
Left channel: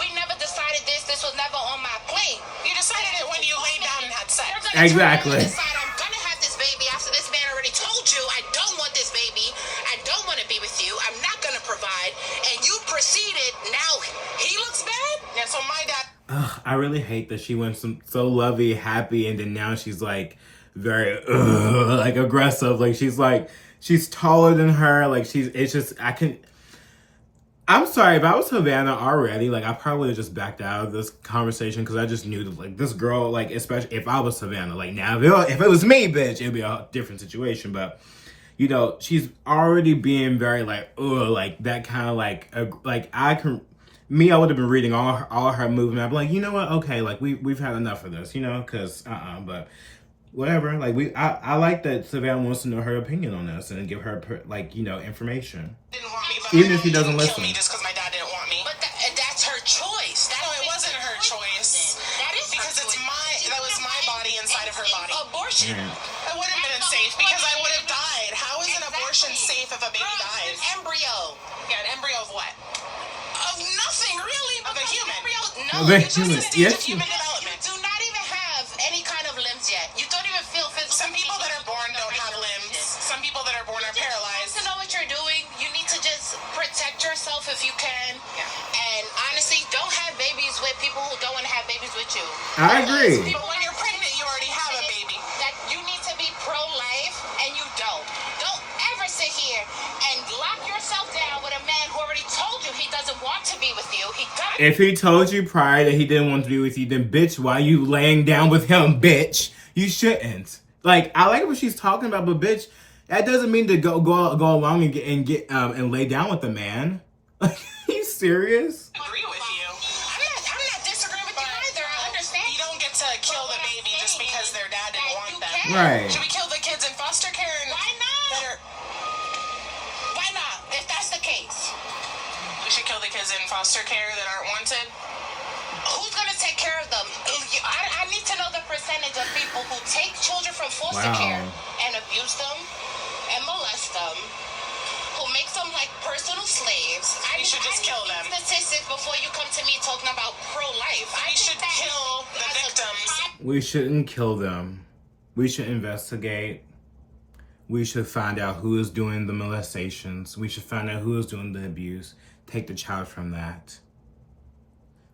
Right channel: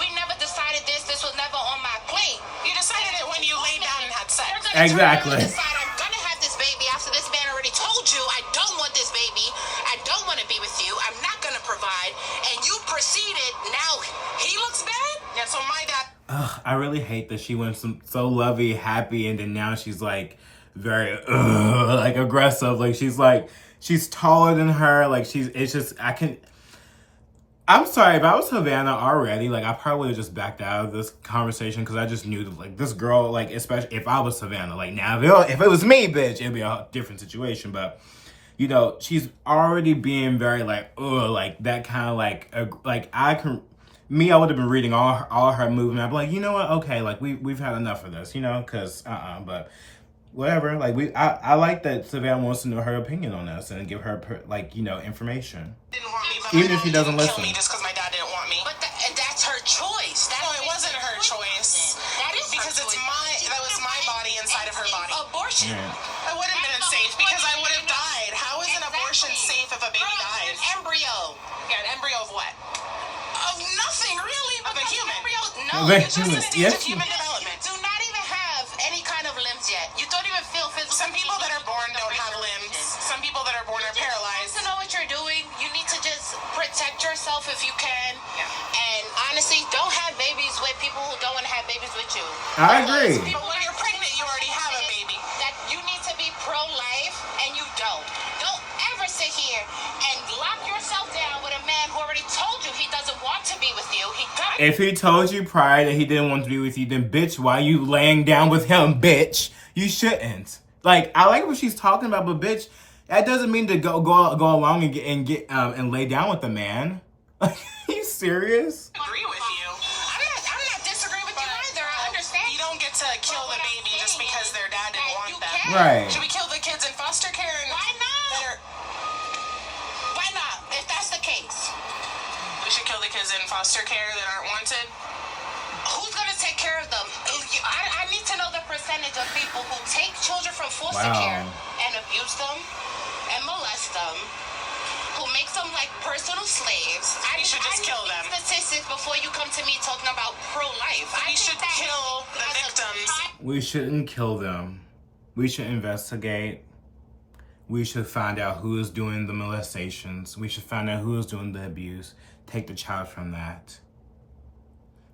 we never decided this was never on my plate. You decided it when you laid down and had sex. You're gonna Exactly. decide I'm gonna have this baby after this man already told you I don't want this baby, I don't want to be with you, I'm not gonna provide, and you proceeded, now he looks bad? Yeah, so my dad... Ugh, I really hate that she went so lovey, happy, and then now she's like very like aggressive. Like she's taller than her. Like I'm sorry, if I was Savannah already, like I probably would have just backed out of this conversation because I just knew that like this girl, like especially if I was Savannah, like now if it was me, bitch, it'd be a different situation. But you know, she's already being very like like that kind of like I would have been reading all her movement. I'd be like, you know what? Okay, like we've had enough of this, you know, because but whatever. Like I like that Savannah wants to know her opinion on this and give her like, you know, information. Didn't want me, but Even my if he mom doesn't didn't listen. kill me just because my dad didn't want me. But that's her choice. No, it wasn't her choice. That is Because her it's choice. that was my body inside of her body. Abortion. It would have been unsafe because I would have died. How is an abortion safe if a baby dies? An embryo. Yeah, an embryo of what? Of nothing, really. Of a because human. No, Of a you human, just yes. Of human development. You do not even have any kind of limbs yet. You don't even feel physical. Some people that are born don't have limbs. Some people that are born are paralyzed. To know what you're doing, you need to just protect yourself if you can. Yeah. And honestly, don't have babies with people who don't want to have babies with you. I agree. Because But when you're pregnant, you already have a baby. That you need to be pro-life, and you don't. Don't ever sit here and lock yourself down with a man who already told you he doesn't want to be with you. He doesn't. If he told you prior that he didn't want to be with you, then bitch, why you laying down with him, bitch? You shouldn't. Like, I like what she's talking about, but bitch, that doesn't mean to go along and lay down with the man. Like, are you serious? Agree with you. I'm not disagreeing with you either. I understand. You don't get to kill the baby just because their dad didn't want them. Right. Should we kill the kids in foster care? Why not? Why not? If that's the case. We should kill the kids in foster care that aren't wanted? Who's going to take care of them? I need to know the percentage of people who take children from foster care and abuse them and molest them, who makes them like personal slaves. We should just kill them. Statistics before you come to me talking about pro-life. We should kill the victims. We shouldn't kill them. We should investigate. We should find out who is doing the molestations. We should find out who is doing the abuse. Take the child from that.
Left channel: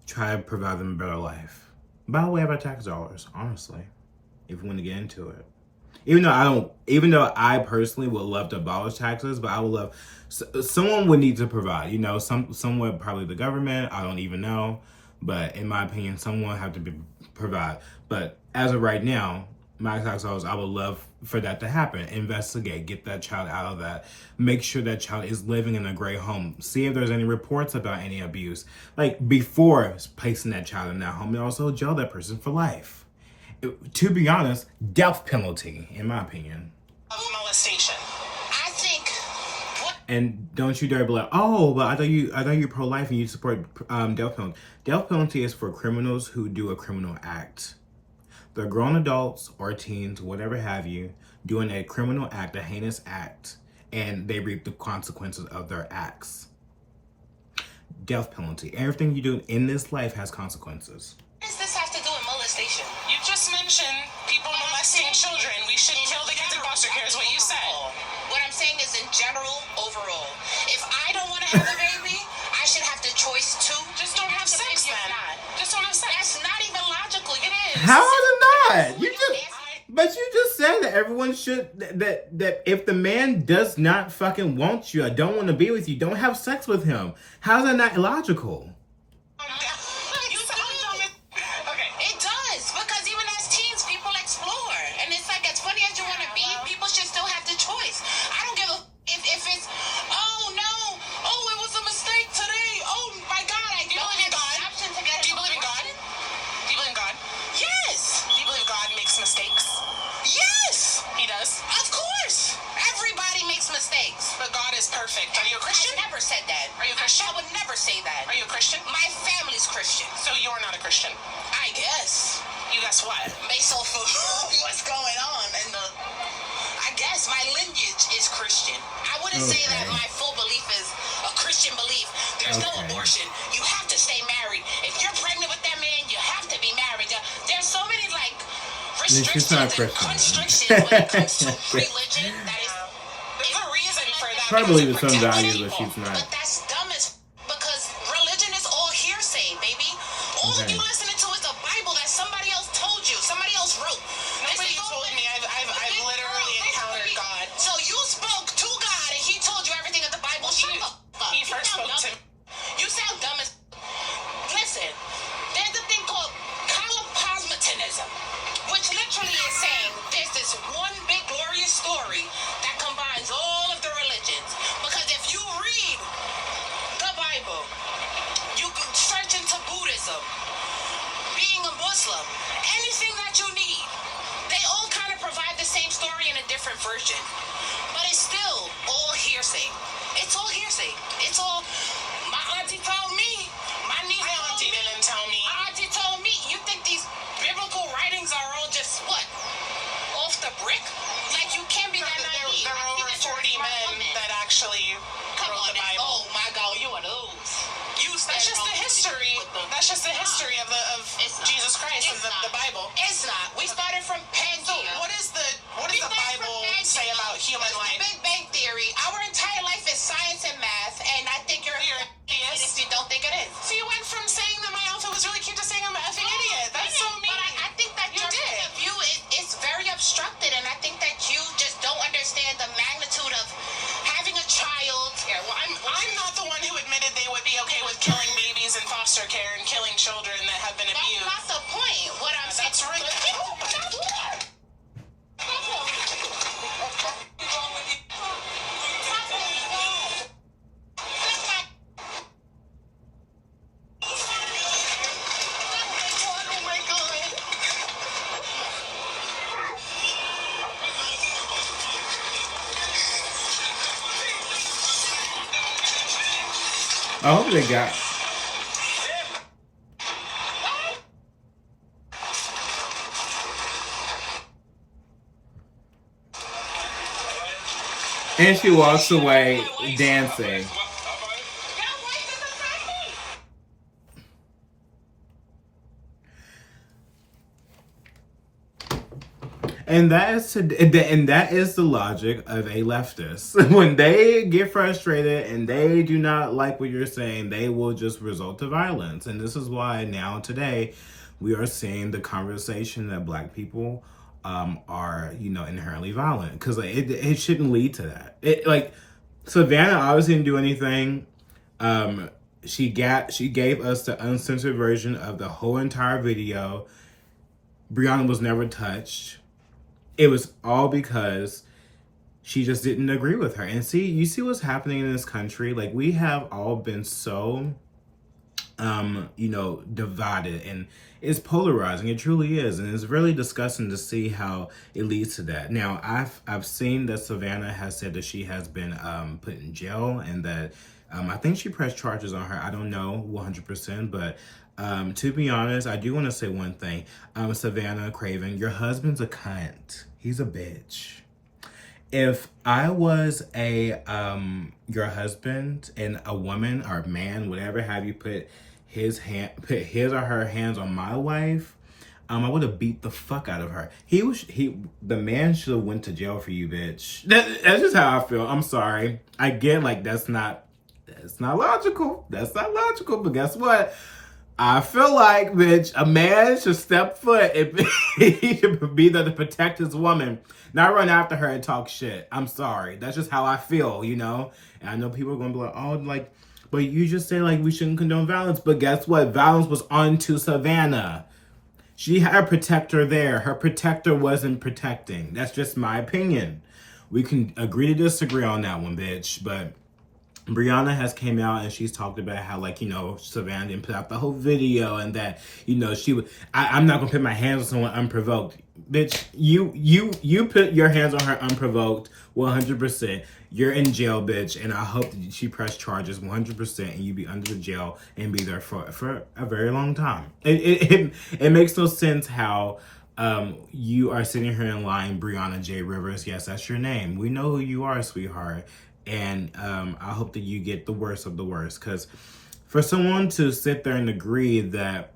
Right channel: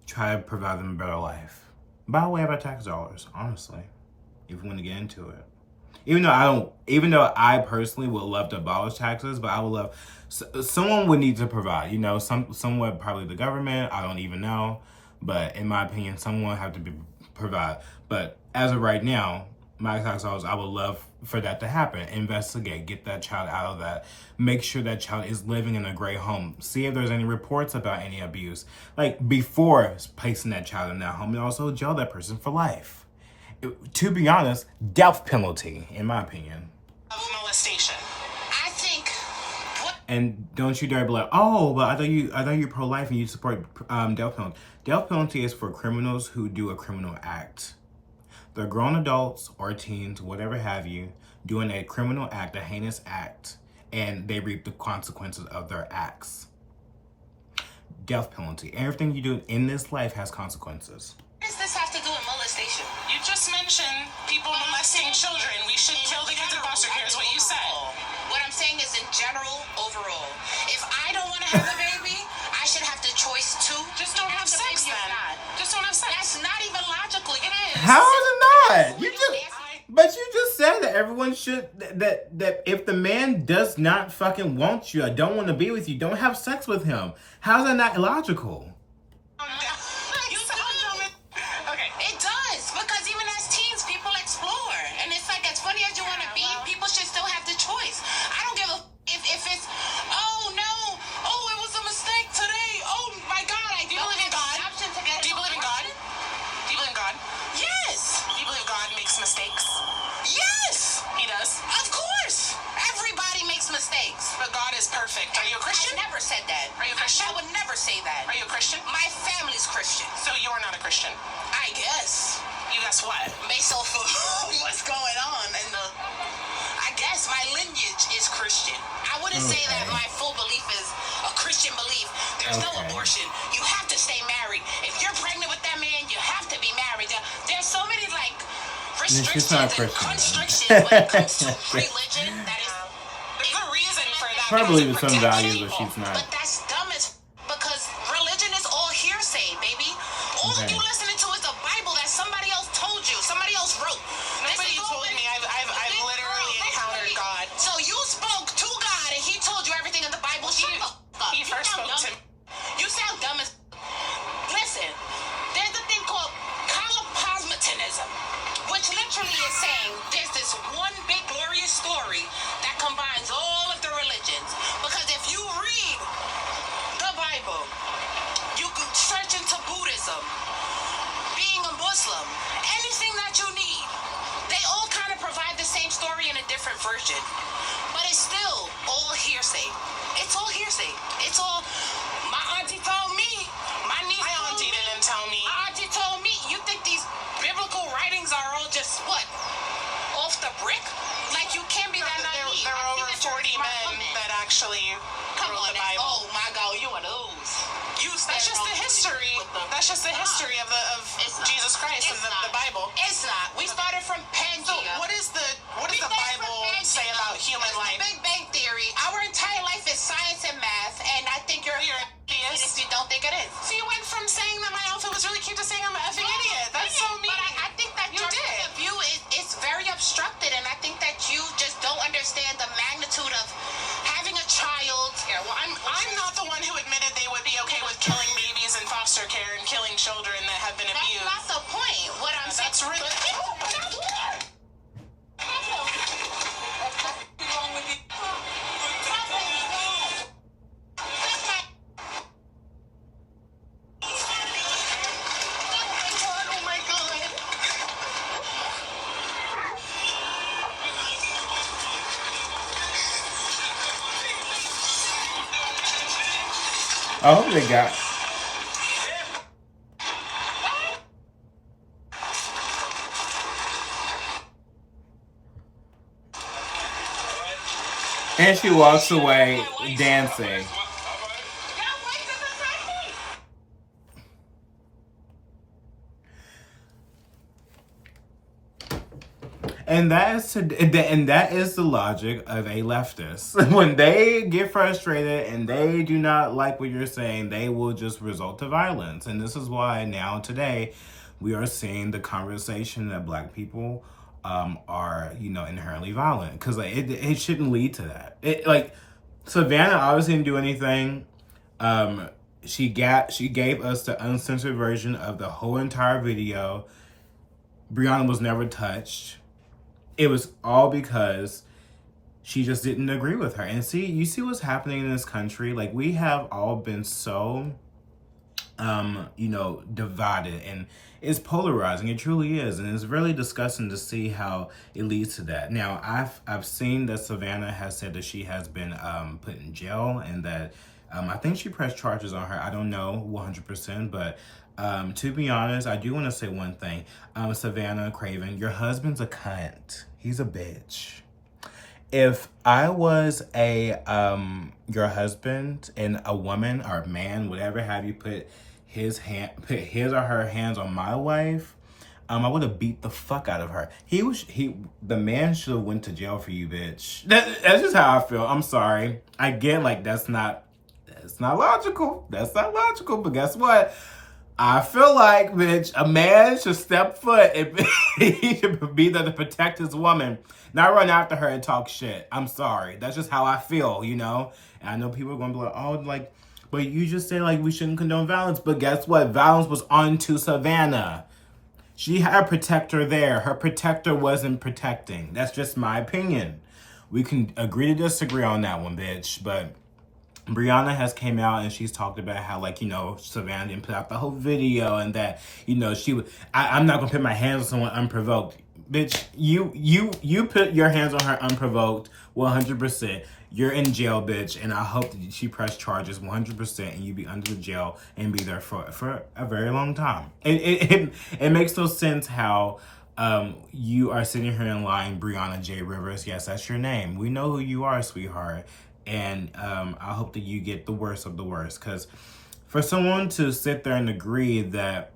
Try to provide them a better life. By way of our tax dollars, honestly. If we want to get into it. Even though I personally would love to abolish taxes, but I would love, someone would need to provide, you know, somewhat probably the government, I don't even know, but in my opinion, someone would have to provide. But as of right now, my tax dollars, I would love for that to happen. Investigate, get that child out of that. Make sure that child is living in a great home. See if there's any reports about any abuse. Like, before placing that child in that home, and also jail that person for life. To be honest, death penalty, in my opinion. Of molestation. I think. And don't you dare be like, oh, but I thought you pro-life and you support death penalty. Death penalty is for criminals who do a criminal act. They're grown adults or teens, whatever have you, doing a criminal act, a heinous act, and they reap the consequences of their acts. Death penalty. Everything you do in this life has consequences. What does this have to do with molestation? You just mentioned people molesting children. We should kill the kids in foster care is what you said. What I'm saying is in general, overall. If I don't want to have a baby, I should have the choice to. Just don't have sex then. Just don't have sex. That's not even logical. It is. How is it not? But you just said that everyone should, that if the man does not fucking want you, or don't want to be with you, don't have sex with him. How is that not illogical? Okay. It does, because even as teens, people explore. And it's like, as funny as you want to be, people should still have the choice. I don't give a if it's, oh no, oh it was a mistake today, oh my God, I Do you believe in God? Do you believe in God? Do you believe in God? Yes. Do you believe God makes mistakes? Yes. He does. Of course. Everybody makes mistakes. But God is perfect. Are you a Christian? I never said that. Are you a Christian? I would never say that. Are you a Christian? My family's Christian. So you're not a Christian? I guess. You guess what? Based off of what's going on and I guess my lineage is Christian. I wouldn't say that my full belief is a Christian belief. There's no abortion. You have to stay married. If you're pregnant with that man, you have to be married. There's so many like restrictions and constrictions when it comes to religion. That is, there's a reason for that. I believe in some values, but she's not. But that's dumb as because religion is all hearsay, baby. All of you listening to is the Bible that somebody else told you, somebody else wrote. Nobody told me. I've literally encountered God. So you spoke to God and he told you everything in the Bible. He first spoke to me. You sound dumb as. Listen, there's a thing called cosmopolitanism, which literally is saying there's this one big glorious story that combines all of the religions. Because if you read the Bible, you can search into Buddhism, being a Muslim, anything that you need. They all kind of provide the same story in a different version. But it's still all hearsay. It's all hearsay. It's all, my auntie told me, my niece My told auntie me, didn't tell me. my auntie told me. You think these biblical writings are all just, what, off the brick? Like you can't be that naive. There I are over think that you're a 40 smart men woman. that actually Come wrote on, the Bible. oh my God, you one of those. That's just the history. That's just the history of Jesus Christ and the Bible. It's not. We started from Pangea. So what does the Bible say about human life? Big Bang Theory. Our entire life is science and math, and I think you're an idiot if you don't think it is. So you went from saying that my outfit was really cute to saying I'm an effing idiot. That's so mean. But I think that your point of view is very obstructed, and I think that you just don't understand the magnitude of having a child. Yeah, well, I'm not the one who admitted they would be okay with killing babies in foster care and killing children that have been abused. That's not the point. What I'm saying. That's really. I hope they got. And she walks away dancing. And that is the logic of a leftist. When they get frustrated and they do not like what you're saying, they will just resort to violence. And this is why now today we are seeing the conversation that Black people are, inherently violent, because it shouldn't lead to that. Savannah obviously didn't do anything. She gave us the uncensored version of the whole entire video. Breonna was never touched. It was all because she just didn't agree with her. And you see what's happening in this country? Like, we have all been so, divided, and it's polarizing. It truly is. And it's really disgusting to see how it leads to that. Now, I've seen that Savannah has said that she has been put in jail, and that I think she pressed charges on her. I don't know 100%, but to be honest, I do want to say one thing. Savannah, Craven, your husband's a cunt. He's a bitch. If I was your husband, and a woman or a man, whatever have you, put his or her hands on my wife, I would have beat the fuck out of her. The man should have went to jail for you, bitch. That's just how I feel. I'm sorry. I get, like, that's not logical. That's not logical. But guess what? I feel like, bitch, a man should step foot and he should be there to protect his woman, not run after her and talk shit. I'm sorry. That's just how I feel, And I know people are going to be like, oh, like, but you just say, like, we shouldn't condone violence. But guess what? Violence was on to Savannah. She had a protector there. Her protector wasn't protecting. That's just my opinion. We can agree to disagree on that one, bitch. But Breonna has came out and she's talked about how, like, Savannah didn't put out the whole video, and that, she would, I'm not gonna put my hands on someone unprovoked. Bitch, you put your hands on her unprovoked 100%. You're in jail, bitch, and I hope that she press charges 100% and you be under the jail and be there for a very long time. It makes no sense how you are sitting here and lying, Breonna J. Rivers. Yes, that's your name. We know who you are, sweetheart. And I hope that you get the worst of the worst. Because for someone to sit there and agree that,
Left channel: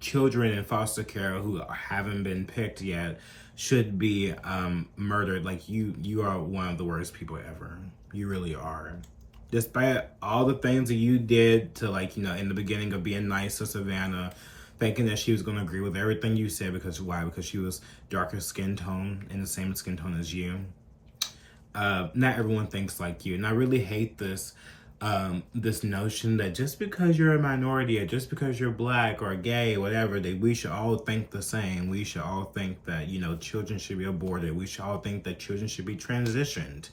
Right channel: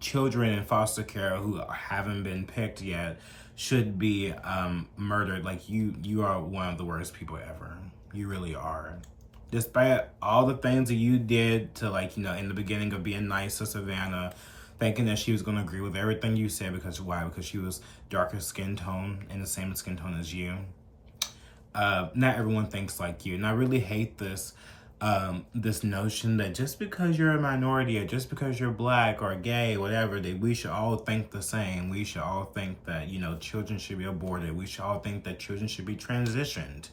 children in foster care who haven't been picked yet should be murdered, like, you are one of the worst people ever. You really are. Despite all the things that you did to, like, in the beginning of being nice to Savannah, thinking that she was going to agree with everything you said. Because why? Because she was darker skin tone and the same skin tone as you. Not everyone thinks like you, and I really hate this notion that just because you're a minority, or just because you're Black or gay, whatever, that we should all think the same. We should all think that children should be aborted. We should all think that children should be transitioned.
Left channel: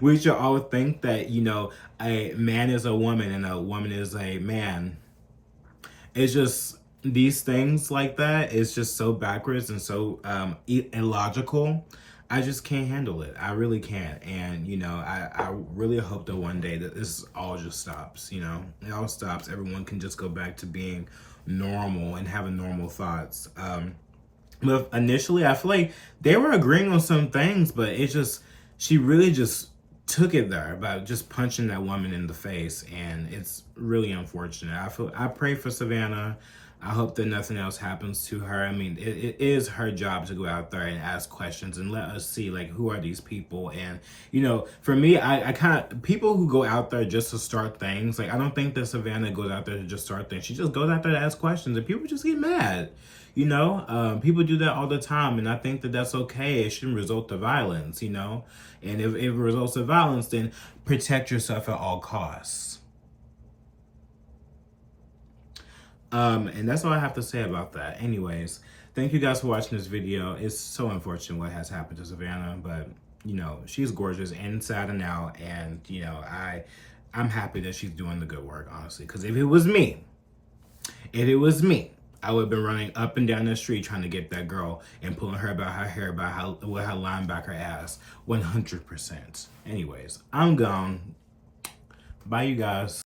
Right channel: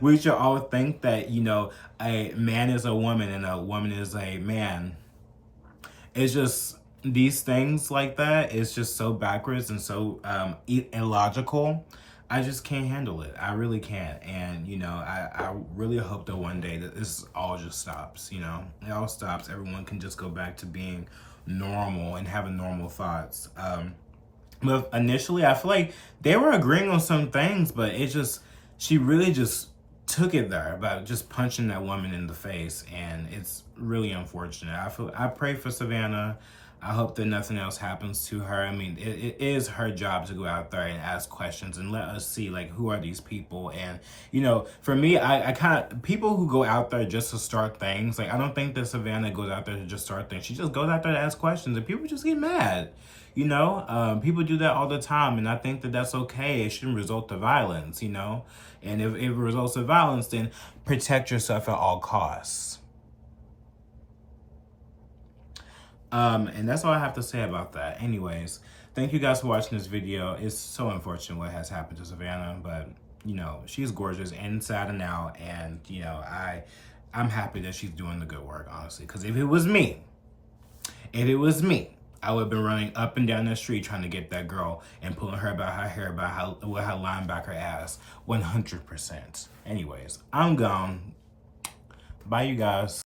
We should all think that a man is a woman and a woman is a man. It's just these things like that. It's just so backwards and so illogical. I just can't handle it. I really can't. And, I really hope that one day that this all just stops, It all stops. Everyone can just go back to being normal and having normal thoughts. But initially, I feel like they were agreeing on some things, but she really just took it there about just punching that woman in the face. And it's really unfortunate. I pray for Savannah. I hope that nothing else happens to her. I mean, it is her job to go out there and ask questions and let us see, like, who are these people? And, for me, I kind of, people who go out there just to start things, like, I don't think that Savannah goes out there to just start things. She just goes out there to ask questions, and people just get mad. People do that all the time, and I think that that's okay. It shouldn't result to violence, And if it results to violence, then protect yourself at all costs. And that's all I have to say about that. Anyways, thank you guys for watching this video. It's so unfortunate what has happened to Savannah, but she's gorgeous inside and out, and I'm happy that she's doing the good work, honestly. Because if it was me, I would have been running up and down the street trying to get that girl and pulling her by her hair, with her linebacker ass, 100%. Anyways, I'm gone. Bye, you guys.